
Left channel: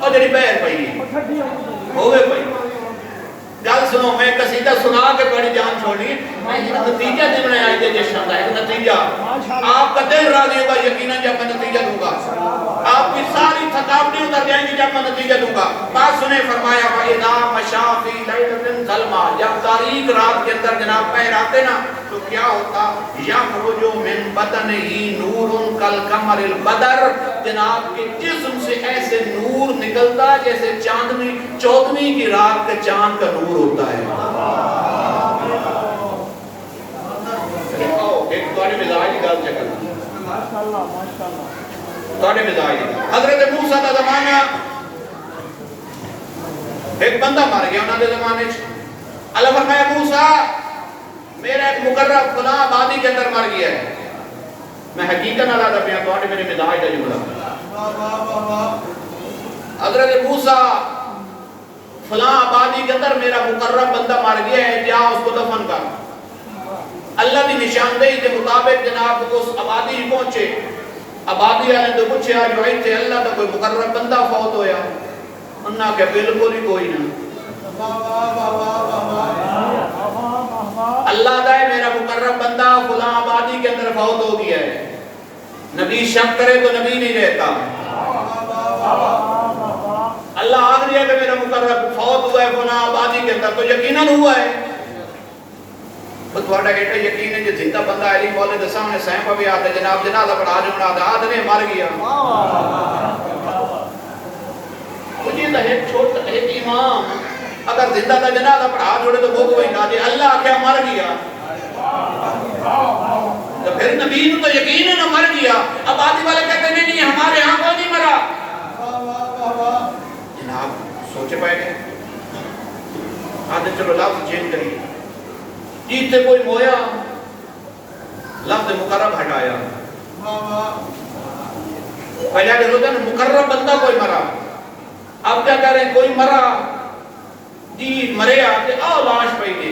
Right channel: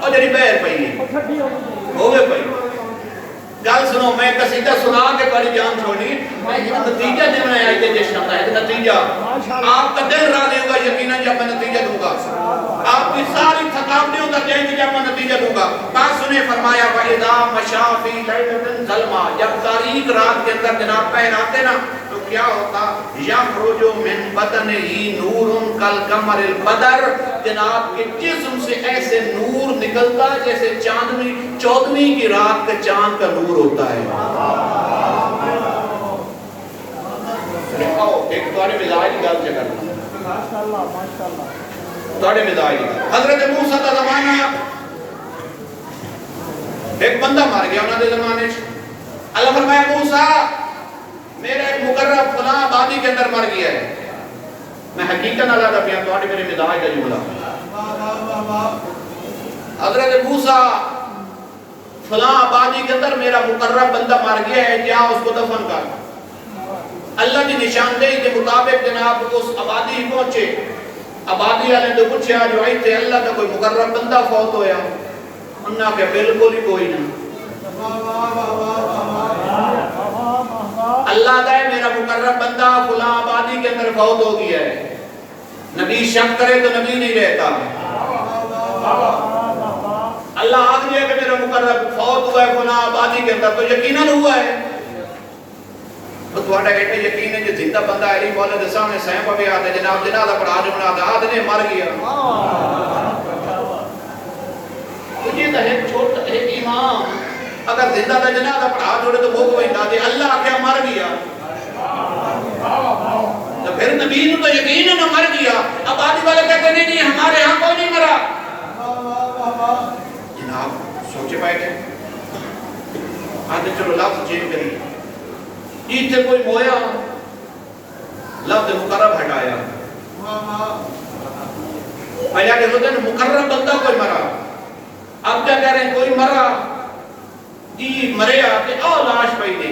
اور جڑی بہر پئی ہوے پئی. گل سنو میں قصیدہ سنا کے بڑی جان چھوڑی میں یہ نتیجہ دینے آئی تھے جشن کا ایک نتیجہ آپ کا دل راضی ہوگا یقیناً جب میں نتیجہ دوں گا. آپ کی ساری تھکاوٹیں اتر جائیں گی جب میں نتیجہ دوں گا. بات سنیں فرمایا وَإِذَا مَشَى فِي لَيْلَةٍ ظَلْمًا جب تاریک رات کے اندر جناب پیر آتے نا تو کیا ہوتا یخرج من بطنہ نور کالقمر البدر. جناب کے جسم سے ایسے نور نکلتا جیسے چودھویں کی رات کا چاند کا نور ہوتا ہے. ایک تمہارے مزاج کی گل چکر ماشاءاللہ ماشاءاللہ تمہارے مزاج. حضرت موسیٰ کا زمانہ ایک بندہ مار گیا انہوں نے زمانے اللہ فرمایا موسیٰ میرا ایک مقرب فلاں آبادی کے اندر مر گیا ہے. میں حقیقت نہ لاتا پیا تو میرے مزاج کا جملہ. حضرت موسیٰ فلاں آبادی کے اندر میرا مقرب بندہ مر گیا ہے جا اس کو دفن کر. اللہ کی نشاندہی کے مطابق جناب اس آبادی ہی پہنچے. آبادی والے تو پوچھے آج وہی تھے اللہ کا کوئی مقرب بندہ فوت ہویا. انہوں نے کہا بالکل ہی کوئی نہ. اللہ کا میرا مقرب بندہ فلاں آبادی کے اندر فوت ہو گیا ہے. نبی شک کرے تو نبی نہیں رہتا. اللہ آگ دیا کہ میرا مقرب فوت ہوا ہے فلاں آبادی کے اندر تو یقیناً ہوا ہے. تو تھوڑا کہتا ہے یقین ہے جو زندہ بندہ علی مولا دے سامنے سائیں پہ بھی آتا ہے جناب جنازہ پڑھا جمنا آتا آدھنے مر گیا. مجھے تو ایک امام اگر زندہ دا جنازہ پڑھا جوڑے تو بھوگ ہوئی نہ دے اللہ کیا مر گیا. تو پھر نبی نے تو یقین ہے نہ مر گیا. اب آدھی والے کہتے نہیں ہمارے ہاں کوئی نہیں مرا. جناب سوچے پائے گئے آدھے چلو لفظ چینج کریے جیتے کوئی مویا لفظ مقرب ہٹایا پہلا جو ہوتا ہے مقرب بندہ کوئی مرا، اب کیا کہہ رہے ہیں کوئی مرا جی مرے آتے او لاش پہ دے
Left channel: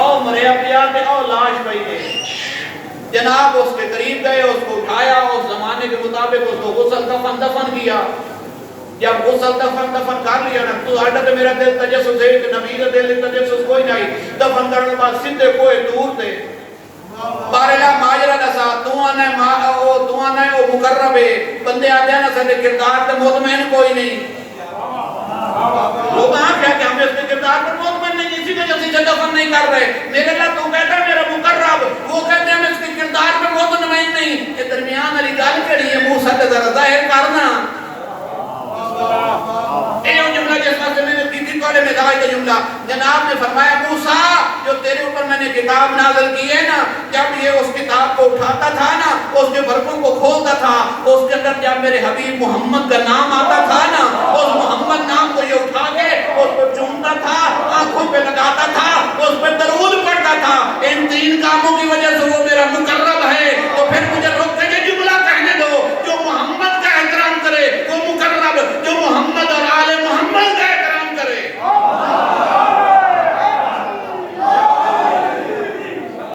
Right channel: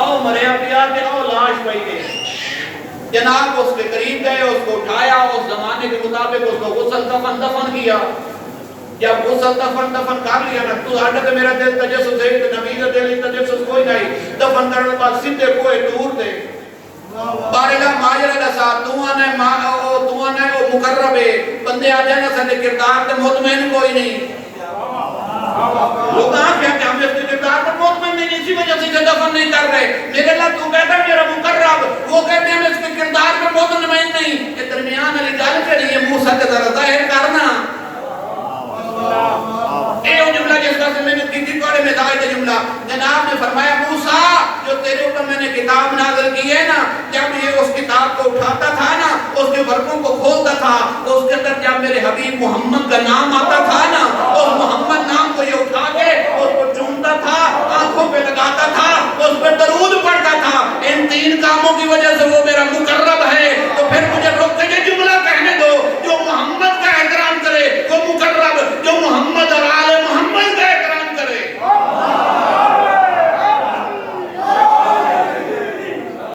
او مرے آتے او لاش پہ دے، جناب اس کے قریب گئے، اس کو اٹھایا، اس زمانے کے مطابق اس کو غسل دفن کیا، جب غسل دفن کر لیا نا تو آڈا تے میرا دل تجسس ہے تو نبی کا دل تجسس کوئی نہیں، دفن کرنے بعد سیدھے کوئی دور تھے بارلا ماجرہ لسا تو آنے او مقرب ہے بندے آ جانا سارے کردار تے مطمئن کوئی نہیں، لوگ آن کیا کہ ہم اس کے کردار پر مطمئن نہیں، اسی وجہ سے دفن نہیں کر رہے، میرے اللہ تو کہتا ہے میرا مقرب، وہ کہتے ہیں ہم اس کے کردار پر مطمئن نہیں، یہ درمیان علی گال کے لیے موسیٰ کے ذرا ظاہر کرنا اے وہ جملہ جس وقت میں نے کی پڑے میں دعائی جملہ جناب نے فرمایا موسیٰ جو تیرے اوپر میں نے کتاب نازل کی ہے نا، جب یہ اس کتاب کو اٹھاتا تھا نا، اس کے برکوں کو کھولتا تھا، اس کے اندر جب میرے حبیب محمد کا نام آتا تھا نا